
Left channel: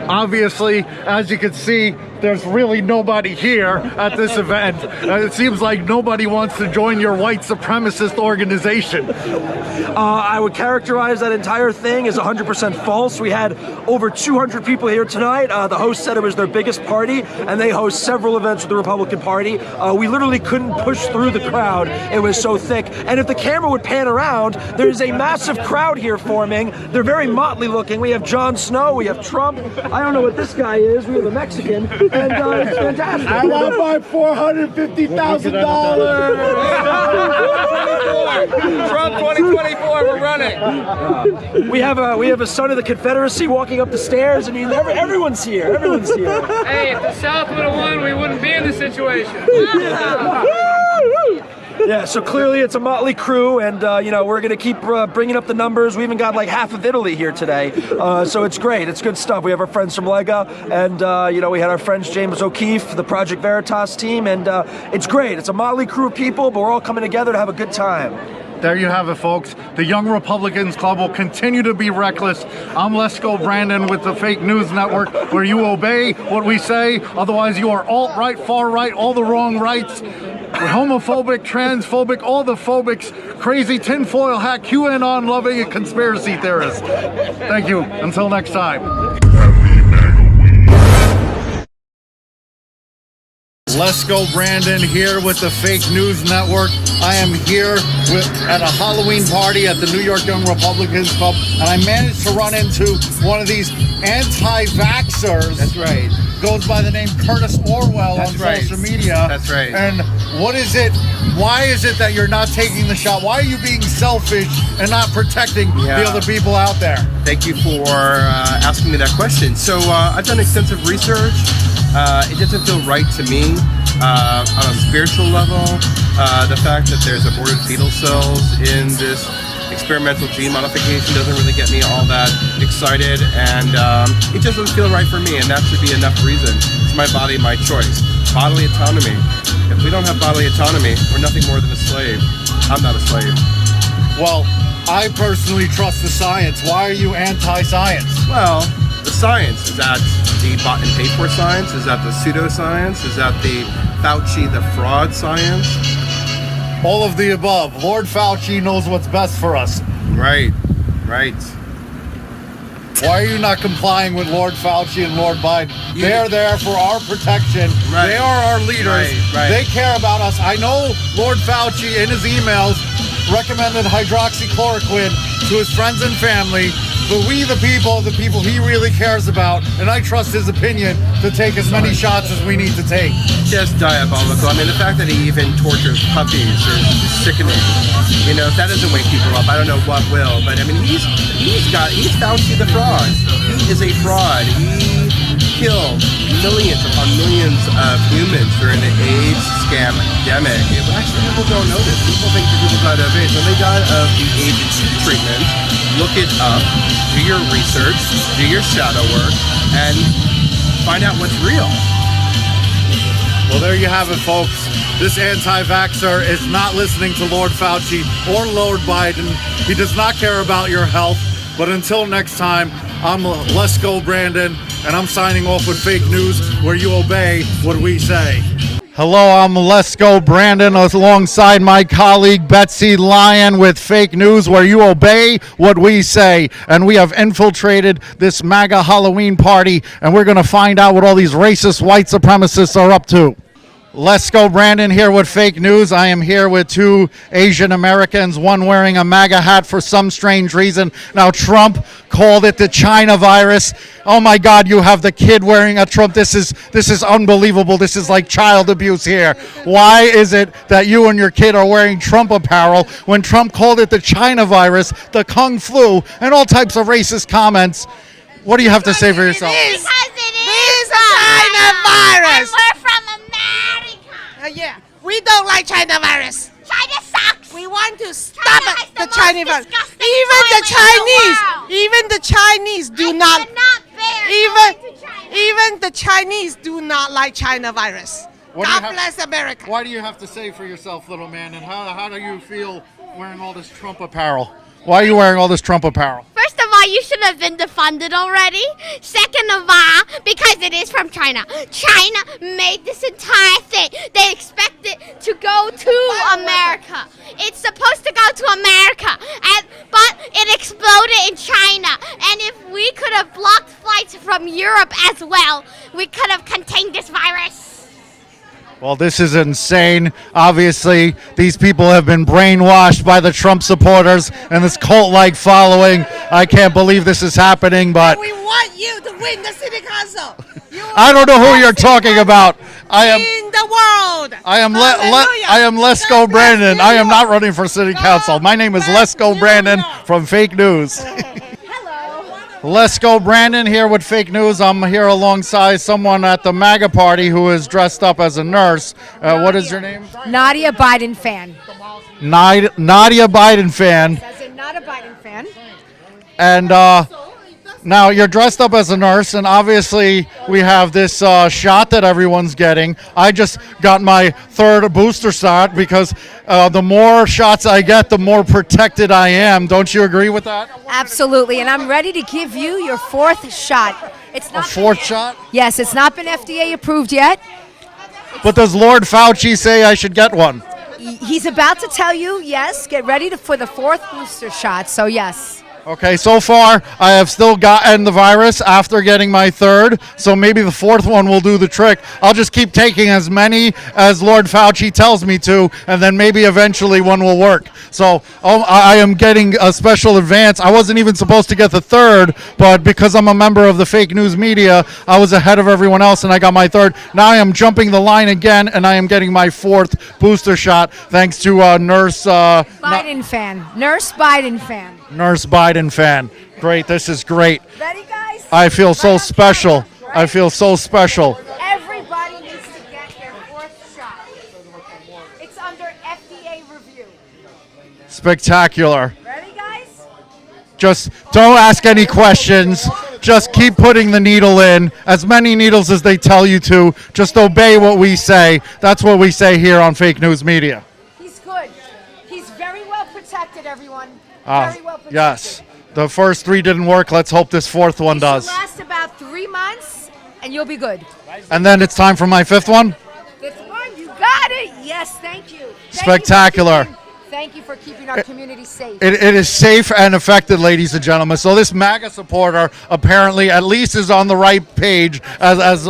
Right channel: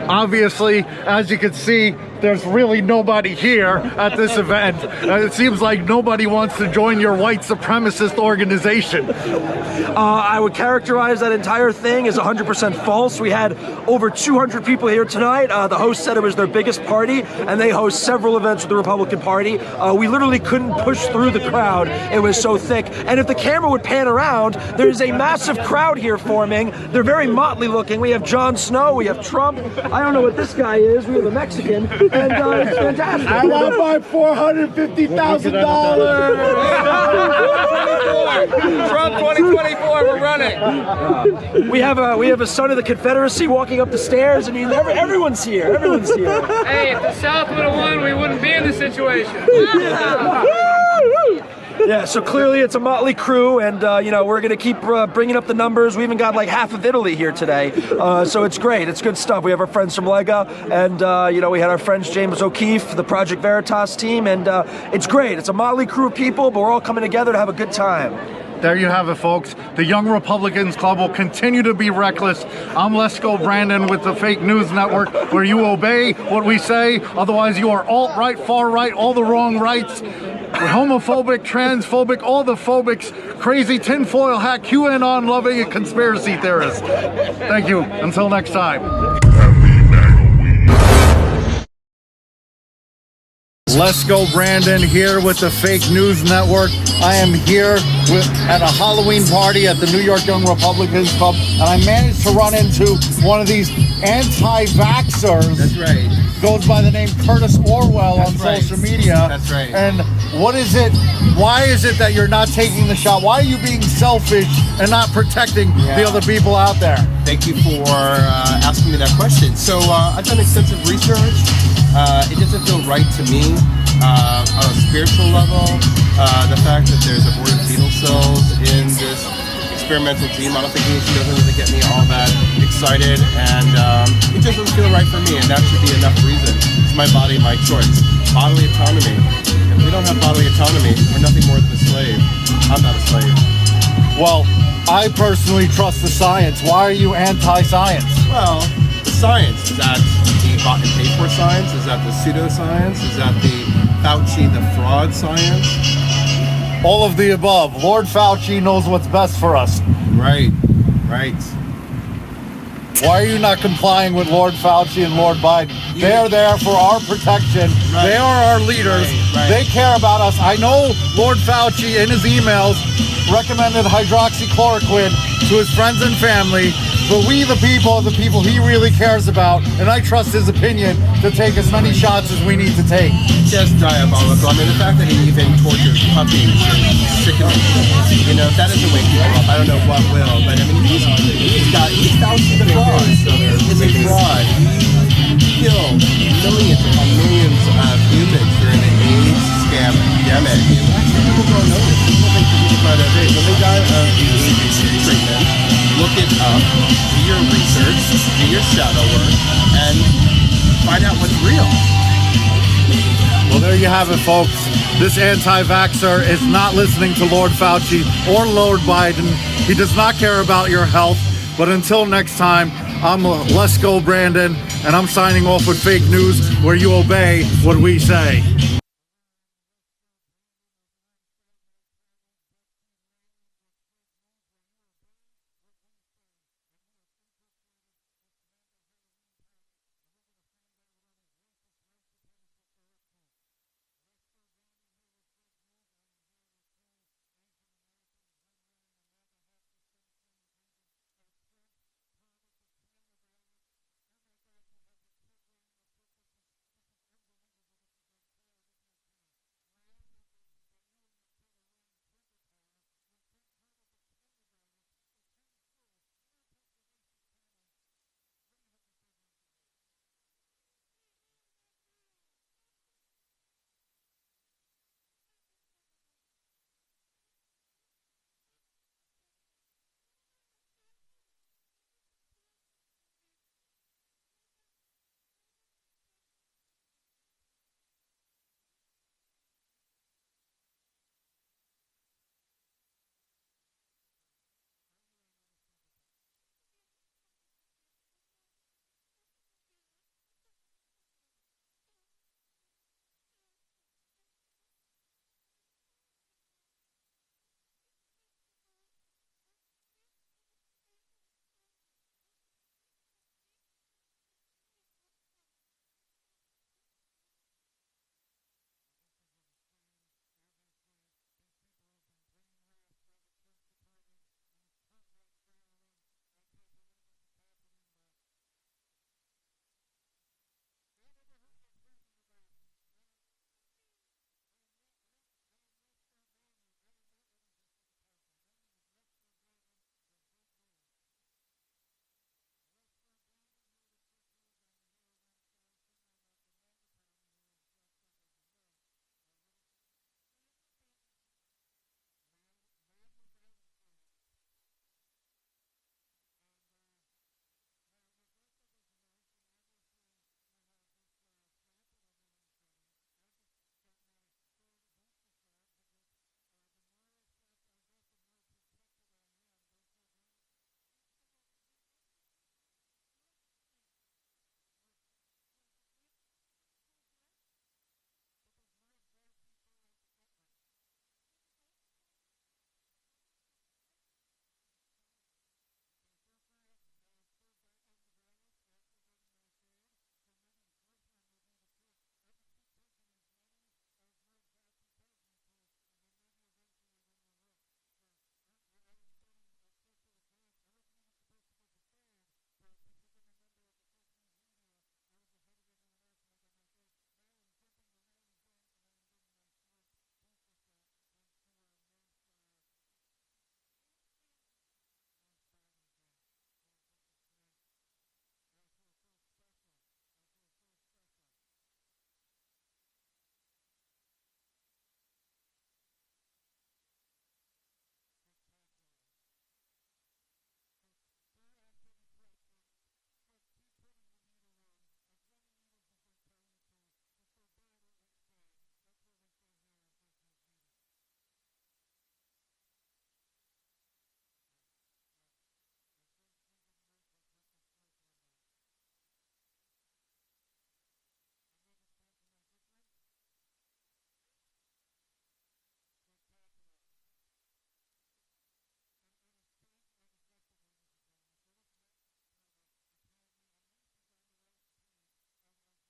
Obviously, as you can see, there's really nobody here at this event. It seems like nobody wants to join your white supremacist organization. I would characterize that entire thing as 100% false. We had over 200 people here tonight. The host said it was their biggest party, and they host several events with the Republican Party. We literally couldn't push through the crowd. It was so thick. And if the camera would pan around, there's a massive crowd here forming. They're very motley looking. We have Jon Snow, we have Trump. I don't know what this guy is. We have a Mexican. And it's fantastic. I want my $450,000. Trump 2024, we're running. We have a son of the Confederacy walking up the stairs. I mean, everyone's here. Everyone's here. Hey, if the South would have won, we wouldn't be in this situation. Yeah, so clearly it's a motley crew, and we're going to keep bringing up the numbers. We even got like half of Italy here today, so it's great. It's good stuff. We have our friends from Lega, and we had our friends James O'Keefe, the Project Veritas team, and it's great. It's a motley crew of people, but we're all coming together to have a good time. There you have it, folks. The Young Republicans Club will continue to be reckless. I'm Lesko Brandon with the Fake News Network, where you obey what we say. Otherwise, you are alt-right, far-right, all the wrong rights. Homophobic, transphobic, all the phobics, crazy tinfoil hat, QAnon-loving, and conspiracy theorists. Thank you. Until next time. Lesko Brandon here with the Fake News Network. I am here at a Halloween party at the New York Young Republicans Club, and I managed to run into one of these anti-vaxxers. That's right. Goes by the name Curtis Orwell on social media. That's right. And what is it? Why is it that you're not taking the shot? Why are you being selfish and not protecting the other people out there? Thank you for asking me that question. So I've done extensive research. It doesn't feel right to me on a spiritual level. The fact that there's aborted fetal cells in this experimental gene modification doesn't really get me all that excited, and it just doesn't feel right for me, and that should be enough reason. It's my body, my choice. Bodily autonomy. If we don't have bodily autonomy, we're nothing more than a slave. I'm not a slave. Well, I personally trust the science. Why are you anti-science? Well, the science, is that the bought and paid for science? Is that the pseudoscience? Is that the Fauci, the fraud science? All of the above. Lord Fauci knows what's best for us. Right. Why are you not complying with Lord Fauci and Lord Biden? They are there for our protection. Right. They are our leaders. Right. They care about us. I know Lord Fauci in his emails recommended hydroxychloroquine to his friends and family, but we the people are the people he really cares about, and I trust his opinion to take as many shots as we need to take. Just diabolical. I mean, the fact that he even tortures puppies is sickening. You know, if that doesn't wake people up, I don't know what will. But I mean, he's Fauci the fraud. He is a fraud. He killed millions upon millions of humans during the AIDS scam epidemic. Actually, people don't know this. People think that people died of AIDS. When they died of the AIDS treatment, look it up, do your research, do your shadow work, and find out what's real. Well, there you have it, folks. This anti-vaxxer is not listening to Lord Fauci or Lord Biden. He does not care about your health. But until next time, I'm Lesko Brandon, and I'm signing off with fake news where you obey what we say. Hello, I'm Lesko Brandon alongside my colleague Betsy Lyon with fake news where you obey what we say. And we have infiltrated this MAGA Halloween party, and we're going to find out what all these racist white supremacists are up to. Lesko Brandon here with fake news. I am here with two Asian Americans, one wearing a MAGA hat for some strange reason. Now, Trump called it the China virus. Oh my God, you have the kid wearing a Trump. This is unbelievable. This is like child abuse here. Why is it that you and your kid are wearing Trump apparel when Trump called it the China virus, the Kung flu, and all types of racist comments? What do you have to say for yourself? Because it is a China virus. And we're from America. Yeah, we don't like China virus. China sucks. We want to stop the China virus. Even the Chinese do not. Even the Chinese do not like China virus. God bless America. Why do you have to say for yourself, little man? And how do you feel wearing all this Trump apparel? Why are you wearing all this Trump apparel? First of all, you should have been defunded already. Second of all, because it is from China. China made this entire thing. They expect it to go to America. It's supposed to go to America, but it exploded in China. And if we could have blocked flights from Europe as well, we could have contained this virus. Well, this is insane. Obviously, these people have been brainwashed by the Trump supporters and this cult-like following. I can't believe this is happening, but we want you to win the city council. I don't know who you're talking about. In the world. I am Lesko Brandon. I am not running for city council. My name is Lesko Brandon from Fake News. Lesko Brandon here with fake news. I'm here alongside someone at the MAGA party who is dressed up as a nurse. What is your name? Nadia Biden fan. Nadia Biden fan. As in not a Biden fan. And now you're dressed up as a nurse, and obviously we have this shot that everyone's getting. I just got my third booster shot because the more shots I get, the more protected I am. Don't you agree with that? Absolutely, and I'm ready to give you your fourth shot. It's not a fourth shot? Yes, it's not been FDA approved yet. But does Lord Fauci say I should get one? He's about to tell you, yes, get ready for the fourth booster shot, so yes. Okay, so far I have still gotten the virus after getting my third, so maybe the fourth one will do the trick. I'll just keep taking as many as Lord Fauci tells me to, and then maybe eventually one will work. So I am getting a special advance. I wasn't even supposed to get the third, but because I'm a member of the fake news media, I was ahead of everyone else and I got my third. Now I am jumping the line again, and I am getting my fourth booster shot thanks to Nurse Biden fan. Nurse Biden fan. Nurse Biden fan. Great, this is great. Ready, guys? I feel so special. I feel so special. Everybody needs to get their fourth shot. It's under FDA review. Spectacular. Ready, guys? Just don't ask any questions. Just keep putting the needle in. As many needles as they tell you to. Just obey what we say. That's what we say here on Fake News Media. He's good. He's very well protected, everyone. Yes. The first three didn't work. Let's hope this fourth one does. It'll last about 3 months, and you'll be good. And then it's time for my fifth one? Fifth one, you got it. Yes, thank you. Spectacular. thank you for keeping our community safe. It is safe and effective, ladies and gentlemen. So this MAGA supporter apparently at least is on the right page as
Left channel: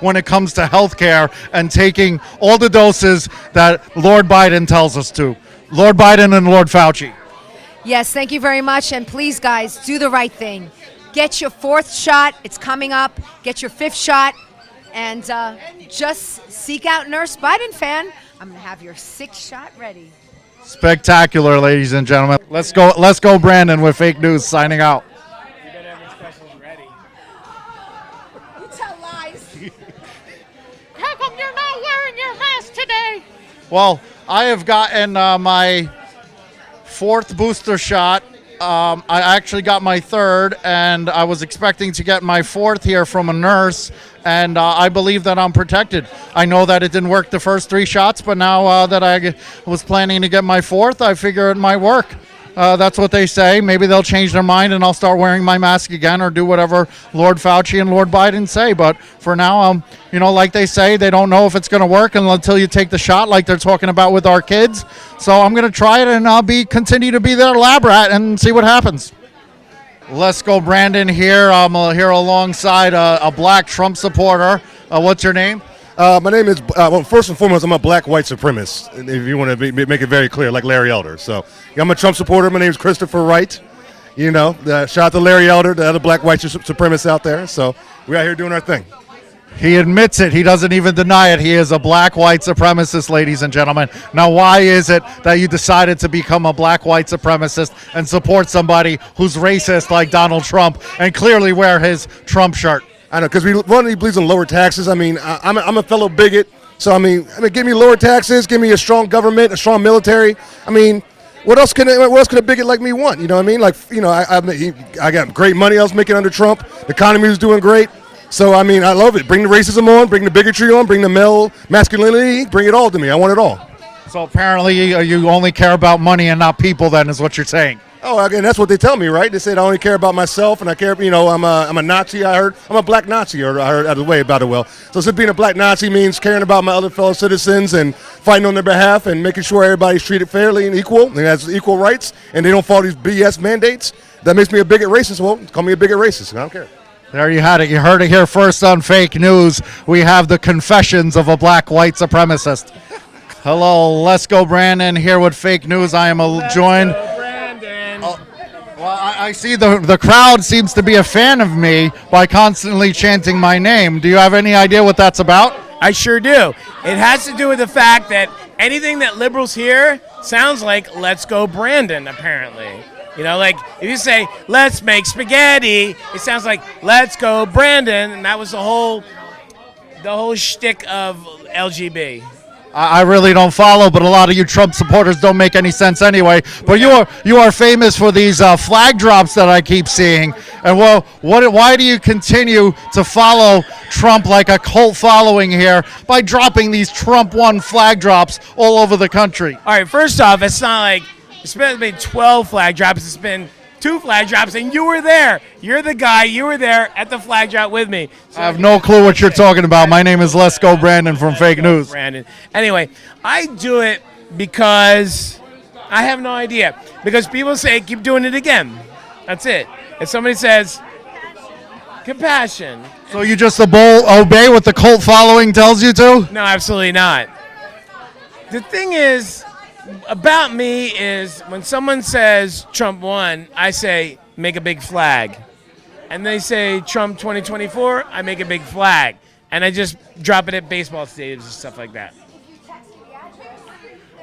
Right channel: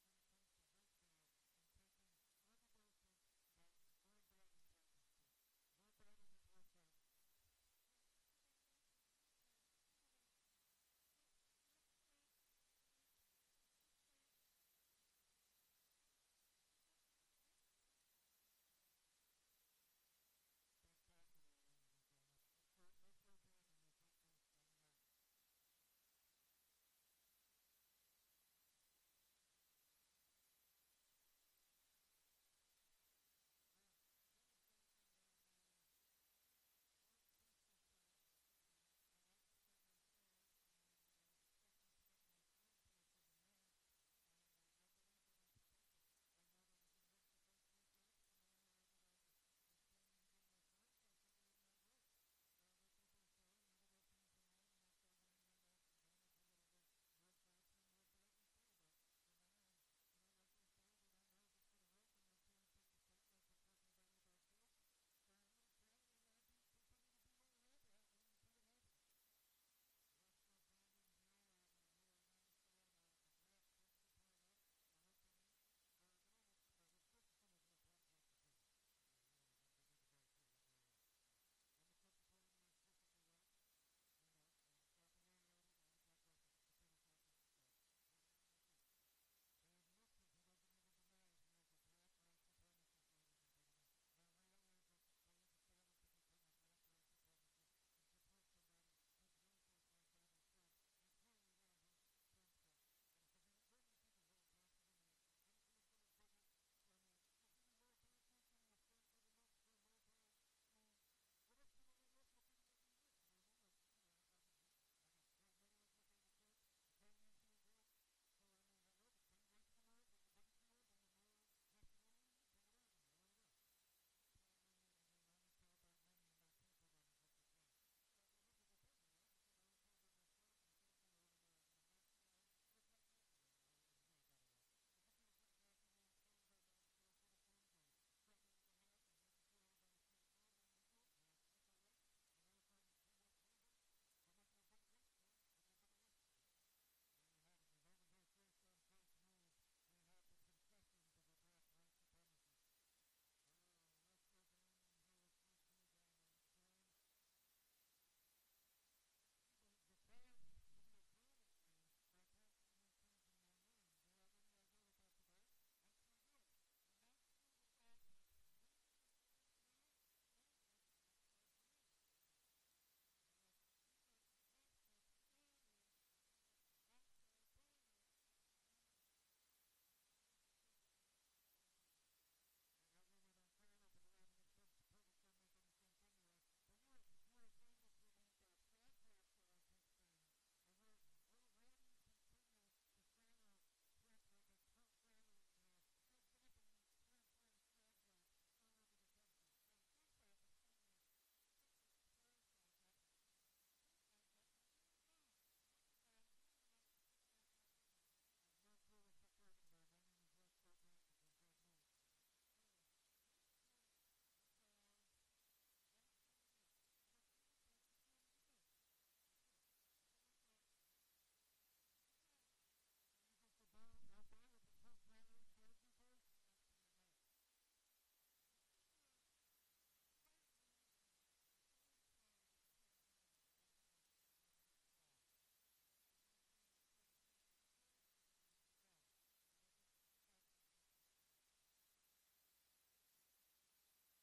when it comes to health care and taking all the doses that Lord Biden tells us to. Lord Biden and Lord Fauci. Yes, thank you very much. And please, guys, do the right thing. Get your 4th shot. It's coming up. Get your 5th shot. And just seek out Nurse Biden fan. I'm going to have your 6th shot ready. Spectacular, ladies and gentlemen. Let's go, Brandon, with Fake News signing out. You better have your specials ready. You tell lies. How come you're not wearing your mask today? Well, I have gotten my 4th booster shot. I actually got my 3rd, and I was expecting to get my 4th here from a nurse, and I believe that I'm protected. I know that it didn't work the first 3 shots, but now that I was planning to get my 4th, I figure it might work. That's what they say. Maybe they'll change their mind and I'll start wearing my mask again or do whatever Lord Fauci and Lord Biden say. But for now, like they say, they don't know if it's going to work until you take the shot, like they're talking about with our kids. So I'm going to try it, and I'll continue to be their lab rat and see what happens. Let's go, Brandon here. I'm here alongside a black Trump supporter. What's your name? My name is, well, first and foremost, I'm a black white supremacist, if you want to make it very clear, like Larry Elder. So I'm a Trump supporter. My name is Christopher Wright. Shout out to Larry Elder, the other black white supremacist out there. So we're out here doing our thing. He admits it. He doesn't even deny it. He is a black white supremacist, ladies and gentlemen. Now, why is it that you decided to become a black white supremacist and support somebody who's racist like Donald Trump and clearly wear his Trump shirt? I know, because he believes in lower taxes. I mean, I'm a fellow bigot. So, I mean, give me lower taxes, give me a strong government, a strong military. I mean, what else can a bigot like me want? You know what I mean? Like, I got great money I was making under Trump. The economy was doing great. So, I mean, I love it. Bring the racism on, bring the bigotry on, bring the male masculinity, bring it all to me. I want it all. So apparently you only care about money and not people, then, is what you're saying. Oh, again, that's what they tell me, right? They said I only care about myself, and I care, I'm a Nazi, I heard. I'm a black Nazi, or I heard out of the way about it well. So since being a black Nazi means caring about my other fellow citizens and fighting on their behalf and making sure everybody's treated fairly and equal and has equal rights, and they don't follow these BS mandates, that makes me a bigot racist. Well, call me a bigot racist, I don't care. There you had it. You heard it here first on Fake News. We have the confessions of a black white supremacist. Hello, let's go, Brandon, here with Fake News. I am joined. Well, I see the crowd seems to be a fan of me by constantly chanting my name. Do you have any idea what that's about? I sure do. It has to do with the fact that anything that liberals hear sounds like "Let's go, Brandon," apparently. Like if you say "Let's make spaghetti," it sounds like "Let's go, Brandon," and that was the whole shtick of LGB. I really don't follow, but a lot of you Trump supporters don't make any sense anyway. But you are famous for these flag drops that I keep seeing. And why do you continue to follow Trump like a cult following here by dropping these Trump won flag drops all over the country? All right, first off, it's not like it's been 12 flag drops. It's been 2 flag drops, and you were there. You're the guy. You were there at the flag drop with me. So I have no clue what you're talking about. My name is Lesko Brandon from Fake News. Brandon. Anyway, I do it because I have no idea. Because people say, keep doing it again. That's it. If somebody says, compassion. So you just obey what the cult following tells you to? No, absolutely not. The thing is, about me is when someone says Trump won, I say make a big flag. And they say Trump 2024, I make a big flag. And I just drop it at baseball stadiums and stuff like that.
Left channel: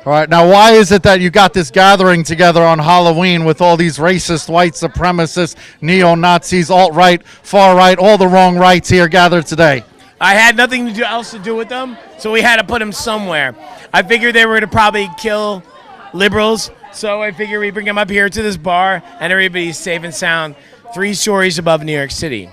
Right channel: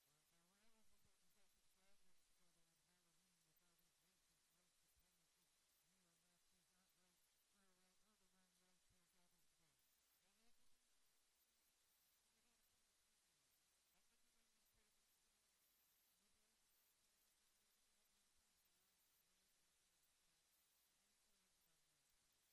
All right, now why is it that you got this gathering together on Halloween with all these racist, white supremacists, neo-Nazis, alt-right, far-right, all the wrong rights here gathered today? I had nothing else to do with them, so we had to put them somewhere. I figured they were going to probably kill liberals, so I figured we bring them up here to this bar, and everybody's safe and sound 3 stories above New York City.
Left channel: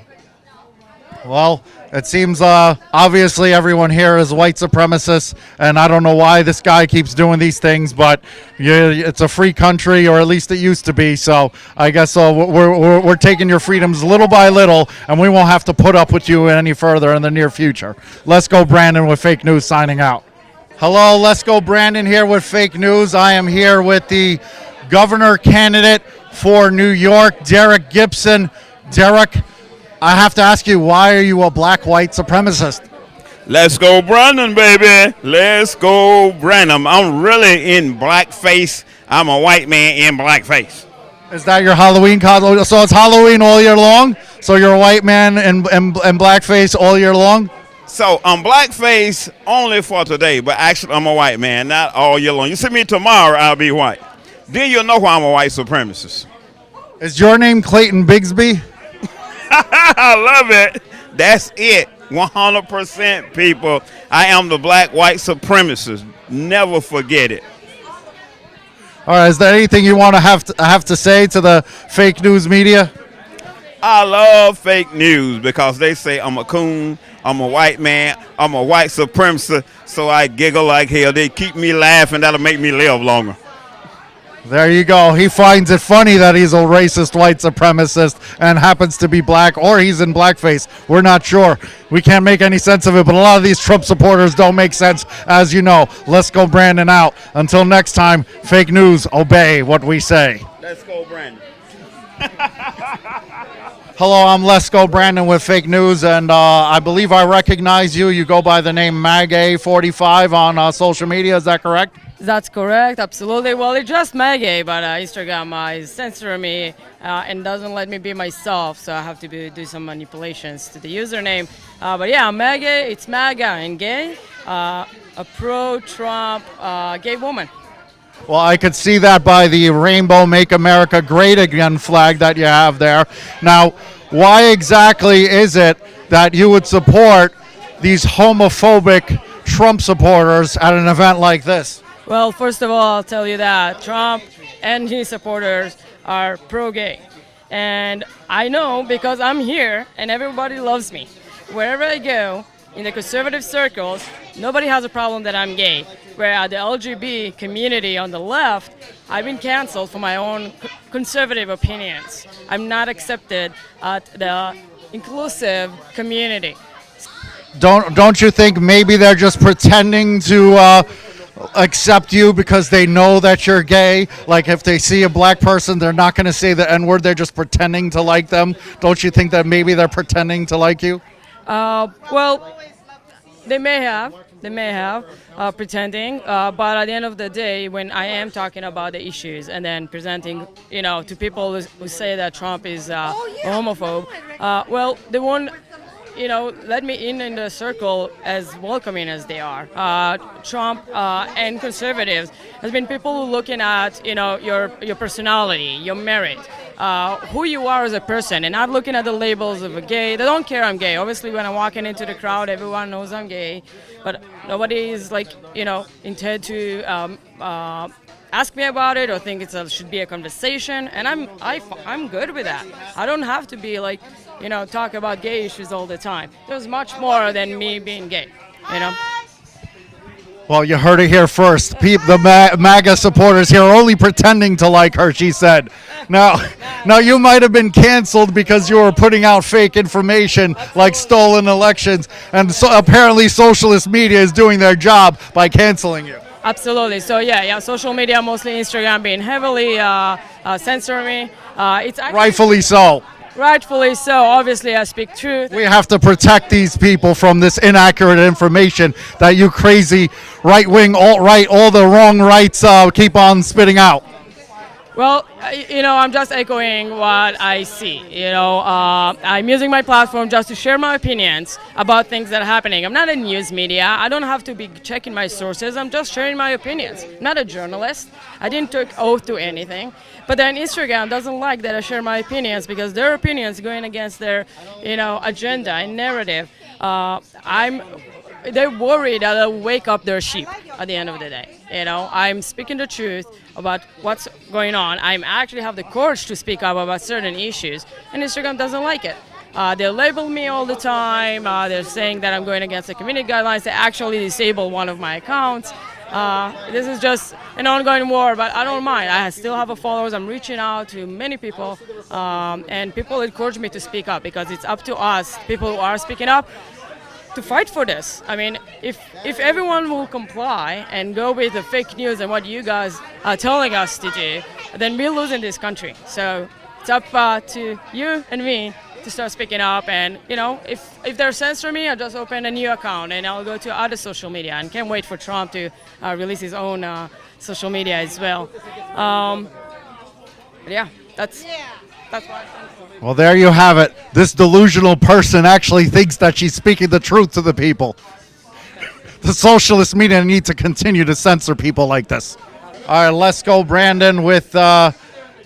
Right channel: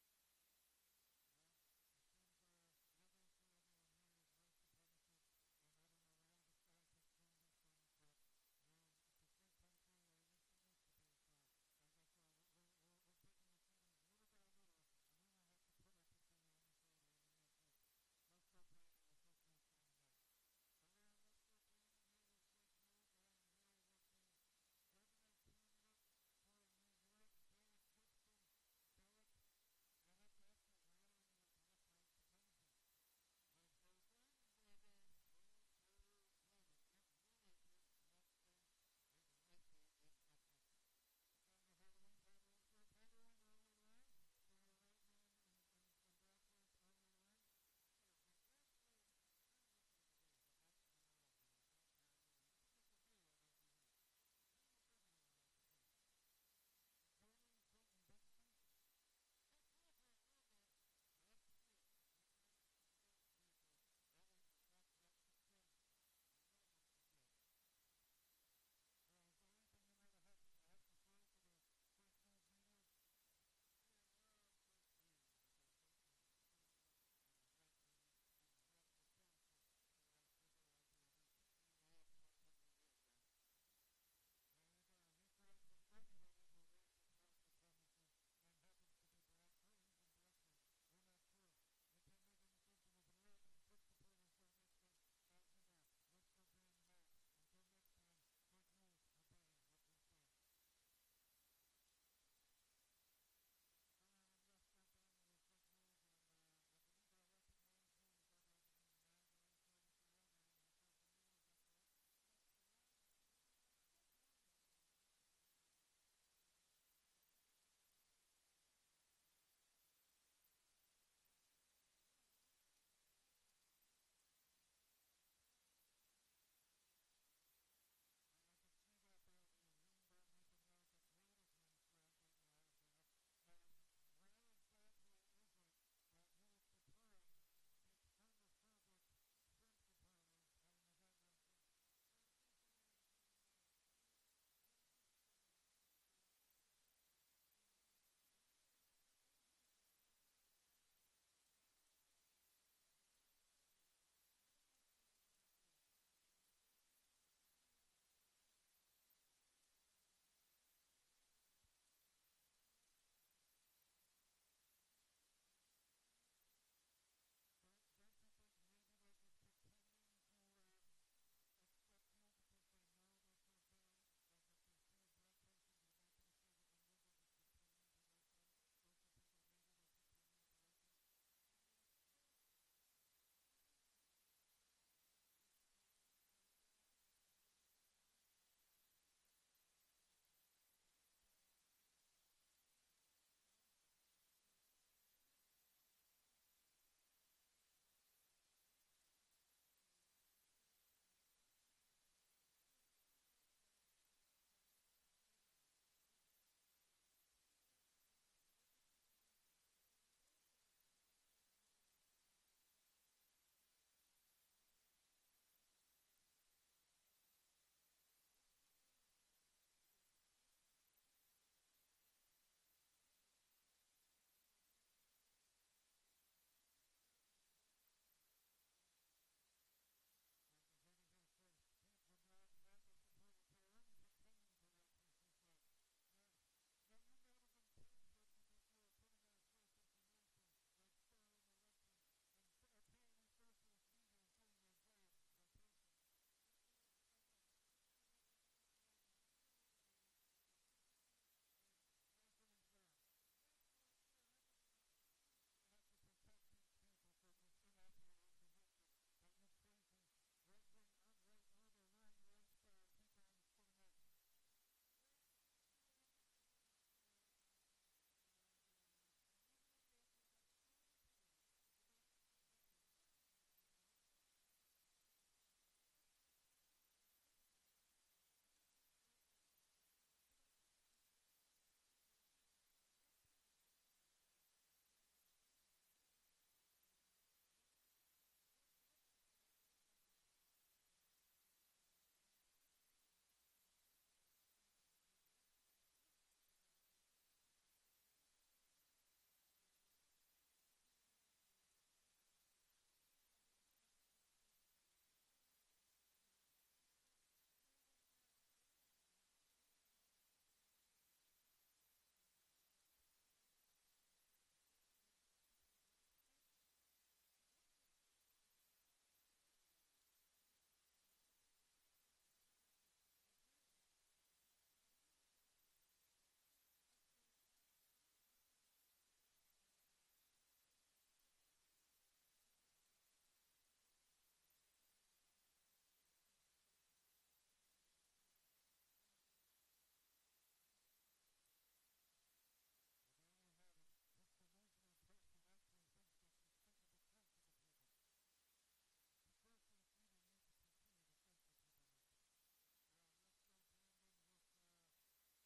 Well, it seems obviously everyone here is white supremacists, and I don't know why this guy keeps doing these things, but it's a free country, or at least it used to be, so I guess we're taking your freedoms little by little, and we won't have to put up with you any further in the near future. Let's go, Brandon, with Fake News signing out. Hello, Lesko Brandon here with Fake News. I am here with the governor candidate for New York, Derek Gibson. Derek, I have to ask you, why are you a black white supremacist? Let's go Brandon, baby. Let's go Brandon. I'm really in blackface. I'm a white man in blackface. Is that your Halloween costume? So it's Halloween all year long? So you're a white man in blackface all year long? So I'm blackface only for today, but actually I'm a white man, not all year long. You see me tomorrow, I'll be white. Then you'll know why I'm a white supremacist. Is your name Clayton Bigsby? I love it. That's it. 100% people. I am the black white supremacist. Never forget it. All right, is there anything you want to have to say to the fake news media? I love fake news because they say I'm a coon, I'm a white man, I'm a white supremacist, so I giggle like hell. They keep me laughing. That'll make me live longer. There you go. He finds it funny that he's a racist white supremacist and happens to be black, or he's in blackface. We're not sure. We can't make any sense of it, but a lot of these Trump supporters don't make sense, as you know. Let's go Brandon out. Until next time, fake news, obey what we say. Let's go Brandon. Hello, I'm Lesko Brandon with Fake News, and I believe I recognize you. You go by the name MAGA45 on social media. Is that correct? That's correct, absolutely. Well, it's just MAGA, but Instagram is censoring me and doesn't let me be myself, so I have to do some manipulations to the username. But yeah, MAGA, it's MAGA and gay, a pro-Trump gay woman. Well, I could see that by the Rainbow Make America Great Again flag that you have there. Now, why exactly is it that you would support these homophobic Trump supporters at an event like this? Well, first of all, I'll tell you that Trump and his supporters are pro-gay. And I know because I'm here and everybody loves me. Wherever I go, in the conservative circles, nobody has a problem that I'm gay. Where at the LGBT community on the left, I've been canceled for my own conservative opinions. I'm not accepted at the inclusive community. Don't you think maybe they're just pretending to accept you because they know that you're gay? Like if they see a black person, they're not going to say the N-word. They're just pretending to like them. Don't you think that maybe they're pretending to like you? Well, they may have. Pretending, but at the end of the day, when I am talking about the issues and then presenting, to people who say that Trump is a homophobe, well, they won't, let me in the circle as welcoming as they are. Trump and conservatives has been people looking at, your personality, your merit, who you are as a person, and not looking at the labels of a gay. They don't care I'm gay. Obviously, when I'm walking into the crowd, everyone knows I'm gay. But nobody is intended to ask me about it or think should be a conversation, and I'm good with that. I don't have to be talk about gay issues all the time. There's much more than me being gay, Well, you heard it here first. The MAGA supporters here are only pretending to like her, she said. Now you might have been canceled because you were putting out fake information like stolen elections, and so apparently socialist media is doing their job by canceling you. Absolutely. So yeah, social media, mostly Instagram, being heavily censoring me. It's actually, rightfully so. Rightfully so. Obviously, I speak truth. We have to protect these people from this inaccurate information that you crazy right-wing, alt-right, all the wrong rights keep on spitting out. Well, I'm just echoing what I see. I'm using my platform just to share my opinions about things that are happening. I'm not a news media. I don't have to be checking my sources. I'm just sharing my opinions. I'm not a journalist. I didn't take oath to anything. But then Instagram doesn't like that I share my opinions because their opinions going against their, agenda and narrative. They're worried that I'll wake up their sheep at the end of the day. I'm speaking the truth about what's going on. I actually have the courage to speak up about certain issues, and Instagram doesn't like it. They label me all the time. They're saying that I'm going against the community guidelines. They actually disable one of my accounts. This is just an ongoing war, but I don't mind. I still have followers. I'm reaching out to many people, and people encourage me to speak up because it's up to us, people who are speaking up, to fight for this. I mean, if everyone will comply and go with the fake news and what you guys are telling us to do, then we'll lose in this country. So it's up to you and me to start speaking up. And, you know, if they're censoring me, I'll just open a new account and I'll go to other social media, and can't wait for Trump to release his own social media as well. Yeah, that's why. Well, there you have it. This delusional person actually thinks that she's speaking the truth to the people. The socialist media need to continue to censor people like this. All right, let's go, Brandon, with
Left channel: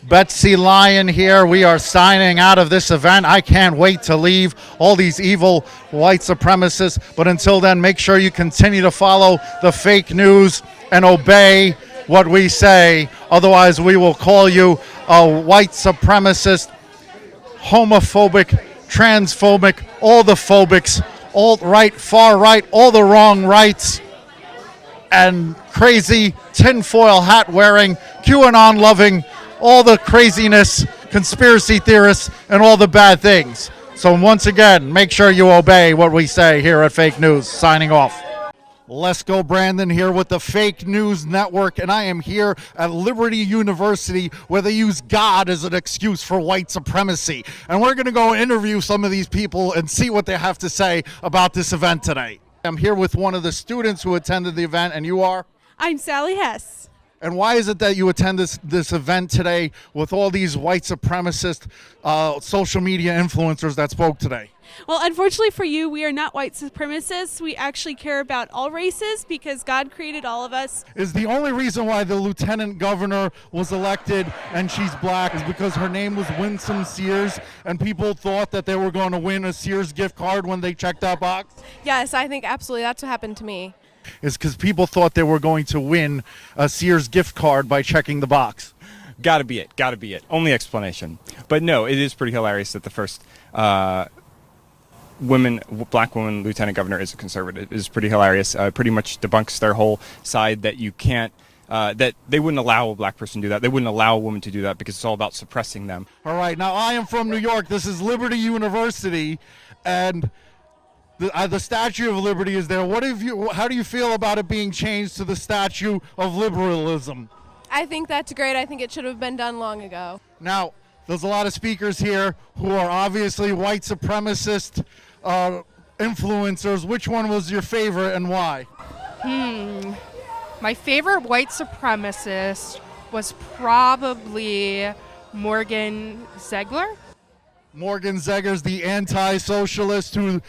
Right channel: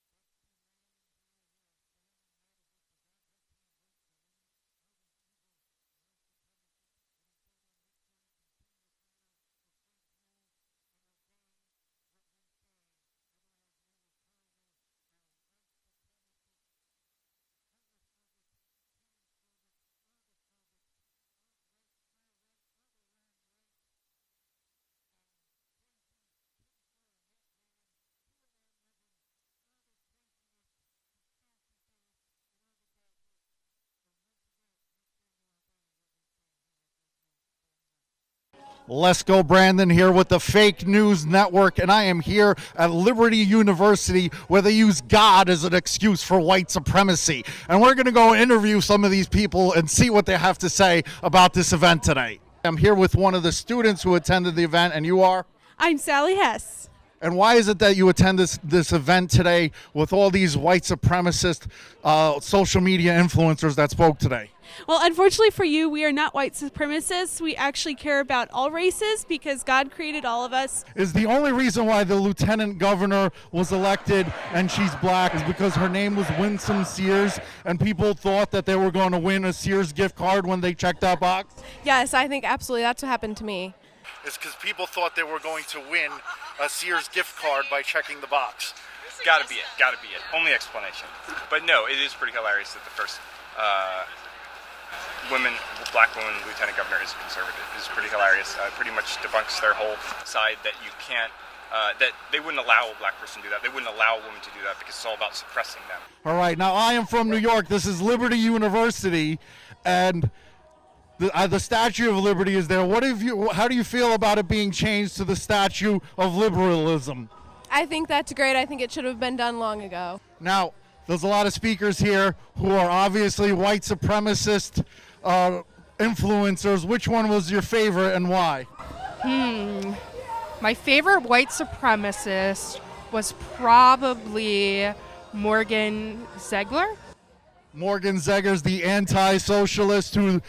Betsy Lyon here. We are signing out of this event. I can't wait to leave all these evil white supremacists. But until then, make sure you continue to follow the fake news and obey what we say. Otherwise, we will call you a white supremacist, homophobic, transphobic, all the phobics, alt-right, far-right, all the wrong rights, and crazy tinfoil hat-wearing, QAnon-loving, all the craziness, conspiracy theorists, and all the bad things. So once again, make sure you obey what we say here at Fake News. Signing off. Let's go, Brandon, here with the Fake News Network, and I am here at Liberty University, where they use God as an excuse for white supremacy. And we're going to go interview some of these people and see what they have to say about this event today. I'm here with one of the students who attended the event, and you are? I'm Sally Hess. And why is it that you attend this event today with all these white supremacist social media influencers that spoke today? Well, unfortunately for you, we are not white supremacists. We actually care about all races because God created all of us. Is the only reason why the lieutenant governor was elected and she's black is because her name was Winsome Sears and people thought that they were going to win a Sears gift card when they checked that box? Yes, I think absolutely that's what happened to me. Is because people thought they were going to win a Sears gift card by checking the box. Gotta be it. Only explanation. But no, it is pretty hilarious that the first black woman lieutenant governor is a conservative. It is pretty hilarious. Pretty much debunks their whole side that you can't, that they wouldn't allow a black person to do that. They wouldn't allow a woman to do that because it's all about suppressing them. All right, now I am from New York. This is Liberty University, and the Statue of Liberty is there. How do you feel about it being changed to the Statue of Liberalism? I think that's great. I think it should have been done long ago. Now, there's a lot of speakers here who are obviously white supremacist influencers. Which one was your favorite and why? My favorite white supremacist was probably Morgan Zegler. Morgan Zegers, the anti-socialist who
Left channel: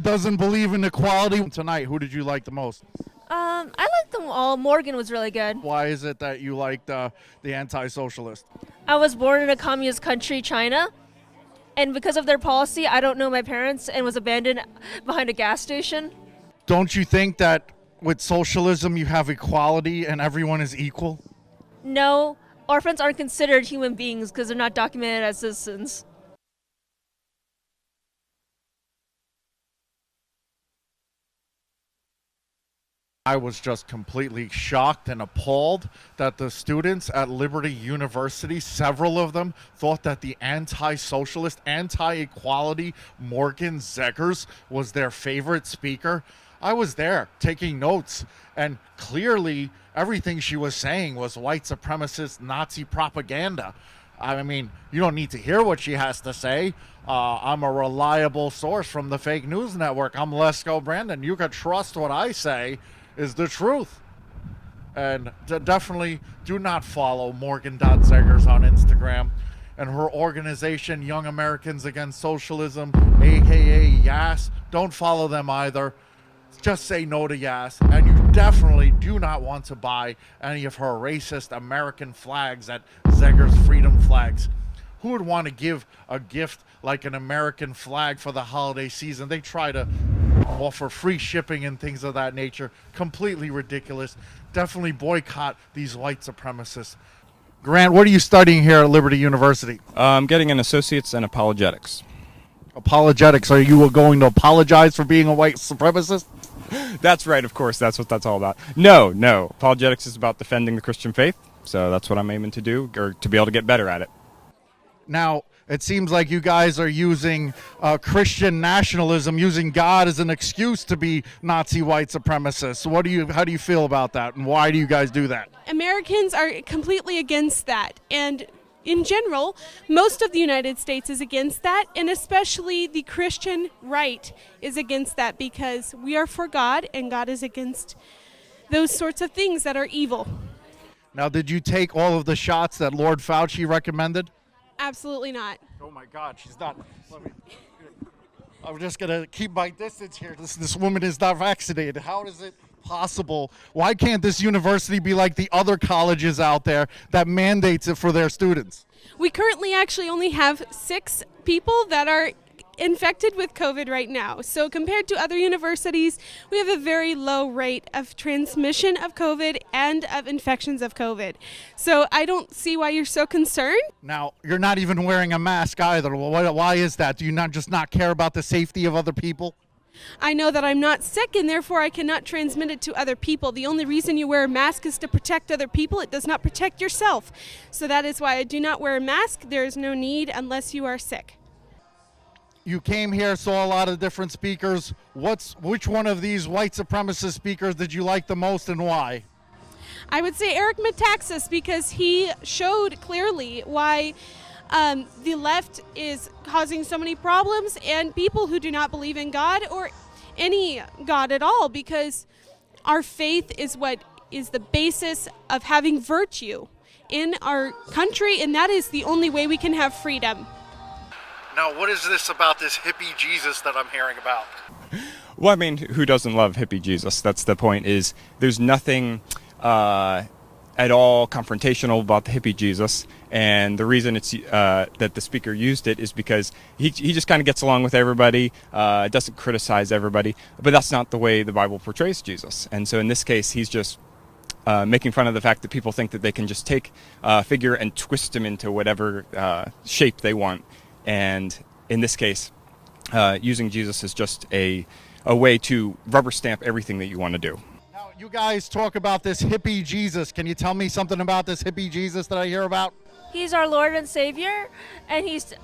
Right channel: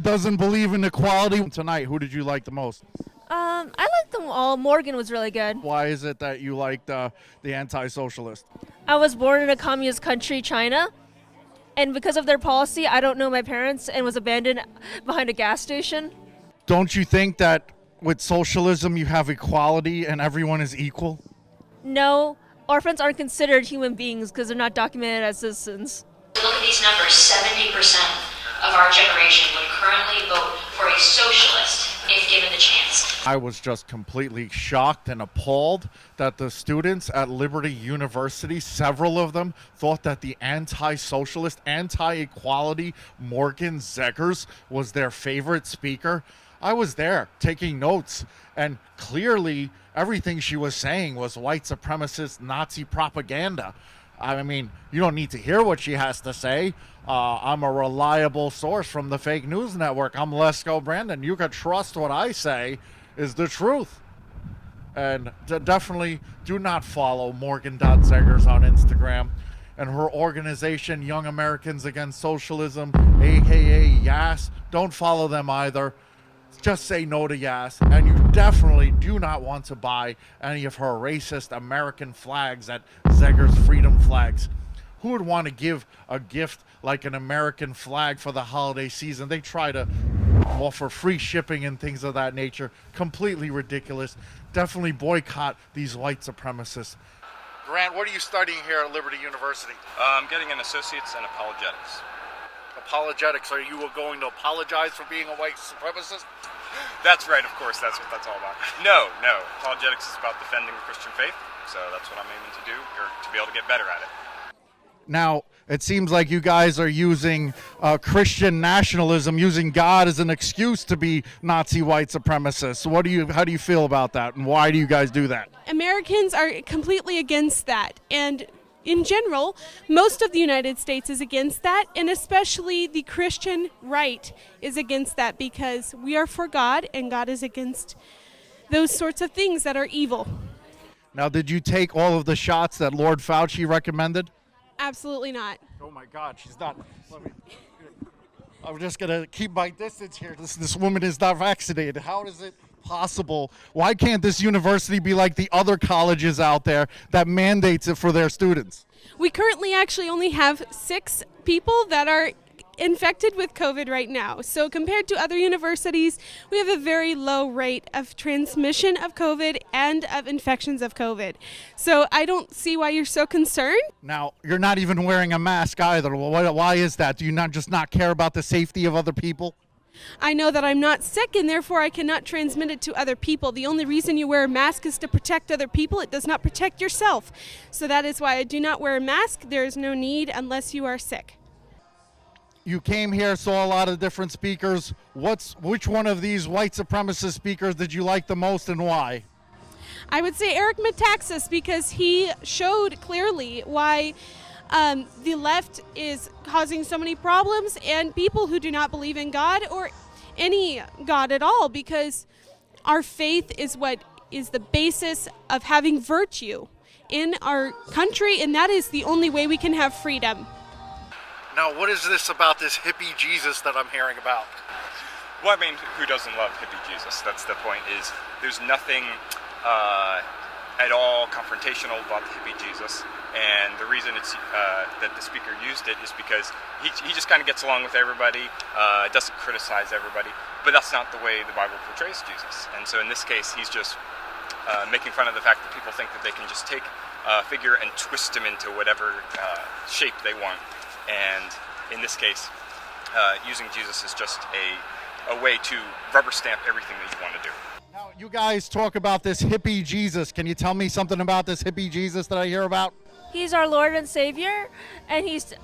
doesn't believe in equality. Tonight, who did you like the most? I liked them all. Morgan was really good. Why is it that you liked the anti-socialist? I was born in a communist country, China, and because of their policy, I don't know my parents and was abandoned behind a gas station. Don't you think that with socialism you have equality and everyone is equal? No, orphans aren't considered human beings because they're not documented as citizens. Look at these numbers. 70% of our generation would currently vote for a socialist if given the chance. I was just completely shocked and appalled that the students at Liberty University, several of them, thought that the anti-socialist, anti-equality Morgan Zegers was their favorite speaker. I was there taking notes, and clearly everything she was saying was white supremacist Nazi propaganda. I mean, you don't need to hear what she has to say. I'm a reliable source from the Fake News Network. I'm Lesko Brandon. You can trust what I say is the truth. And definitely do not follow Morgan.Zegers on Instagram. And her organization, Young Americans Against Socialism, a.k.a. YAS, don't follow them either. Just say no to YAS, and you definitely do not want to buy any of her racist American flags at Zegers Freedom Flags. Who would want to give a gift like an American flag for the holiday season? They try to offer free shipping and things of that nature. Completely ridiculous. Definitely boycott these white supremacists. Grant, what are you studying here at Liberty University? I'm getting an associate's in apologetics. Apologetics. Are you going to apologize for being a white supremacist? That's right, of course. That's what that's all about. No. Apologetics is about defending the Christian faith, so that's what I'm aiming to do, or to be able to get better at it. Now, It seems like you guys are using Christian nationalism, using God as an excuse to be Nazi white supremacists. How do you feel about that, and why do you guys do that? Americans are completely against that, and in general, most of the United States is against that, and especially the Christian right is against that, because we are for God, and God is against those sorts of things that are evil. Now, did you take all of the shots that Lord Fauci recommended? Absolutely not. Oh my God, she's not. I'm just gonna keep my distance here. This woman is not vaccinated. How is it possible? Why can't this university be like the other colleges out there that mandates it for their students? We currently actually only have 6 people that are infected with COVID right now. So compared to other universities, we have a very low rate of transmission of COVID and of infections of COVID. So I don't see why you're so concerned. Now, you're not even wearing a mask either. Well, why is that? Do you not care about the safety of other people? I know that I'm not sick, and therefore I cannot transmit it to other people. The only reason you wear a mask is to protect other people. It does not protect yourself. So that is why I do not wear a mask. There is no need unless you are sick. You came here, saw a lot of different speakers. Which one of these white supremacist speakers did you like the most, and why? I would say Eric Metaxas, because he showed clearly why the left is causing so many problems, and people who do not believe in God or any God at all, because our faith is what is the basis of having virtue in our country, and that is the only way we can have freedom. Now, what is this about this hippie Jesus that I'm hearing about? Well, I mean, who doesn't love hippie Jesus? That's the point. Is there's nothing at all confrontational about the hippie Jesus, and the reason it's that the speaker used it is because he just kind of gets along with everybody, doesn't criticize everybody, but that's not the way the Bible portrays Jesus. And so in this case, he's just making fun of the fact that people think that they can just take a figure and twist him into whatever shape they want. And in this case, using Jesus is just a way to rubber stamp everything that you want to do. Now, you guys talk about this hippie Jesus. Can you tell me something about this hippie Jesus that I hear about? He's our Lord and Savior, and he's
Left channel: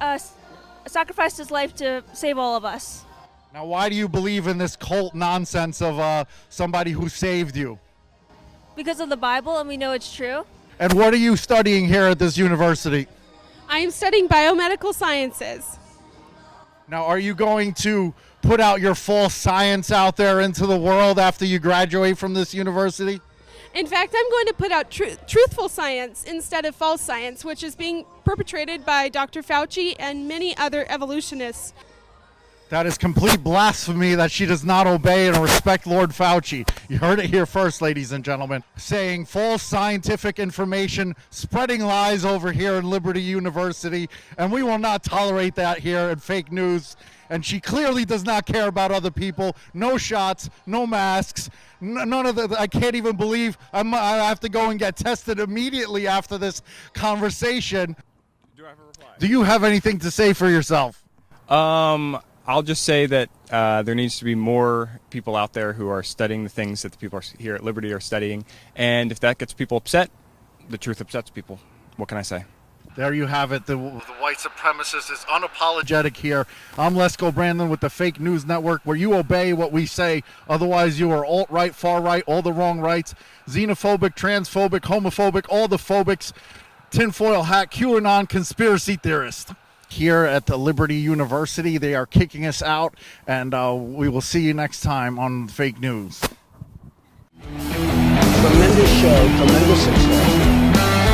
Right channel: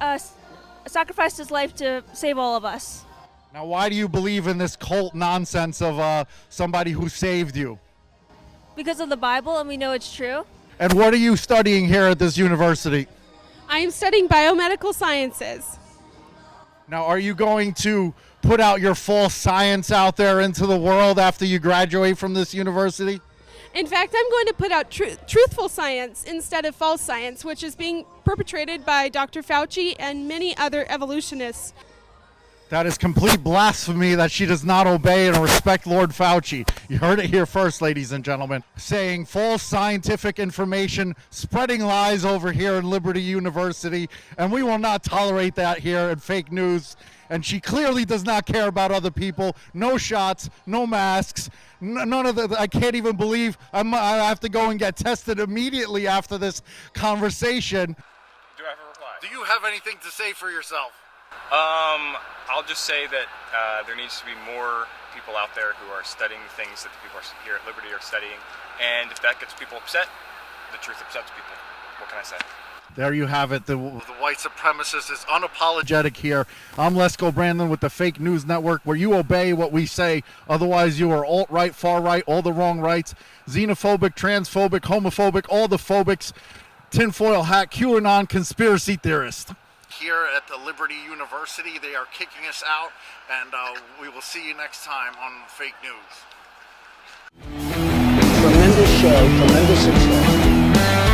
sacrificed his life to save all of us. Now, why do you believe in this cult nonsense of somebody who saved you? Because of the Bible, and we know it's true. And what are you studying here at this university? I am studying biomedical sciences. Now, are you going to put out your false science out there into the world after you graduate from this university? In fact, I'm going to put out truthful science instead of false science, which is being perpetrated by Dr. Fauci and many other evolutionists. That is complete blasphemy that she does not obey and respect Lord Fauci. You heard it here first, ladies and gentlemen. Saying false scientific information, spreading lies over here in Liberty University, and we will not tolerate that here at Fake News. And she clearly does not care about other people. No shots, no masks, none of that. I can't even believe I have to go and get tested immediately after this conversation. Do I have a reply? Do you have anything to say for yourself? I'll just say that there needs to be more people out there who are studying the things that the people here at Liberty are studying. And if that gets people upset, the truth upsets people. What can I say? There you have it. The white supremacist is unapologetic here. I'm Lesko Brandon with the Fake News Network, where you obey what we say. Otherwise, you are alt-right, far-right, all the wrong rights, xenophobic, transphobic, homophobic, all the phobics, tinfoil hat, QAnon conspiracy theorist. Here at the Liberty University, they are kicking us out, and we will see you next time on Fake News. Tremendous show, tremendous success.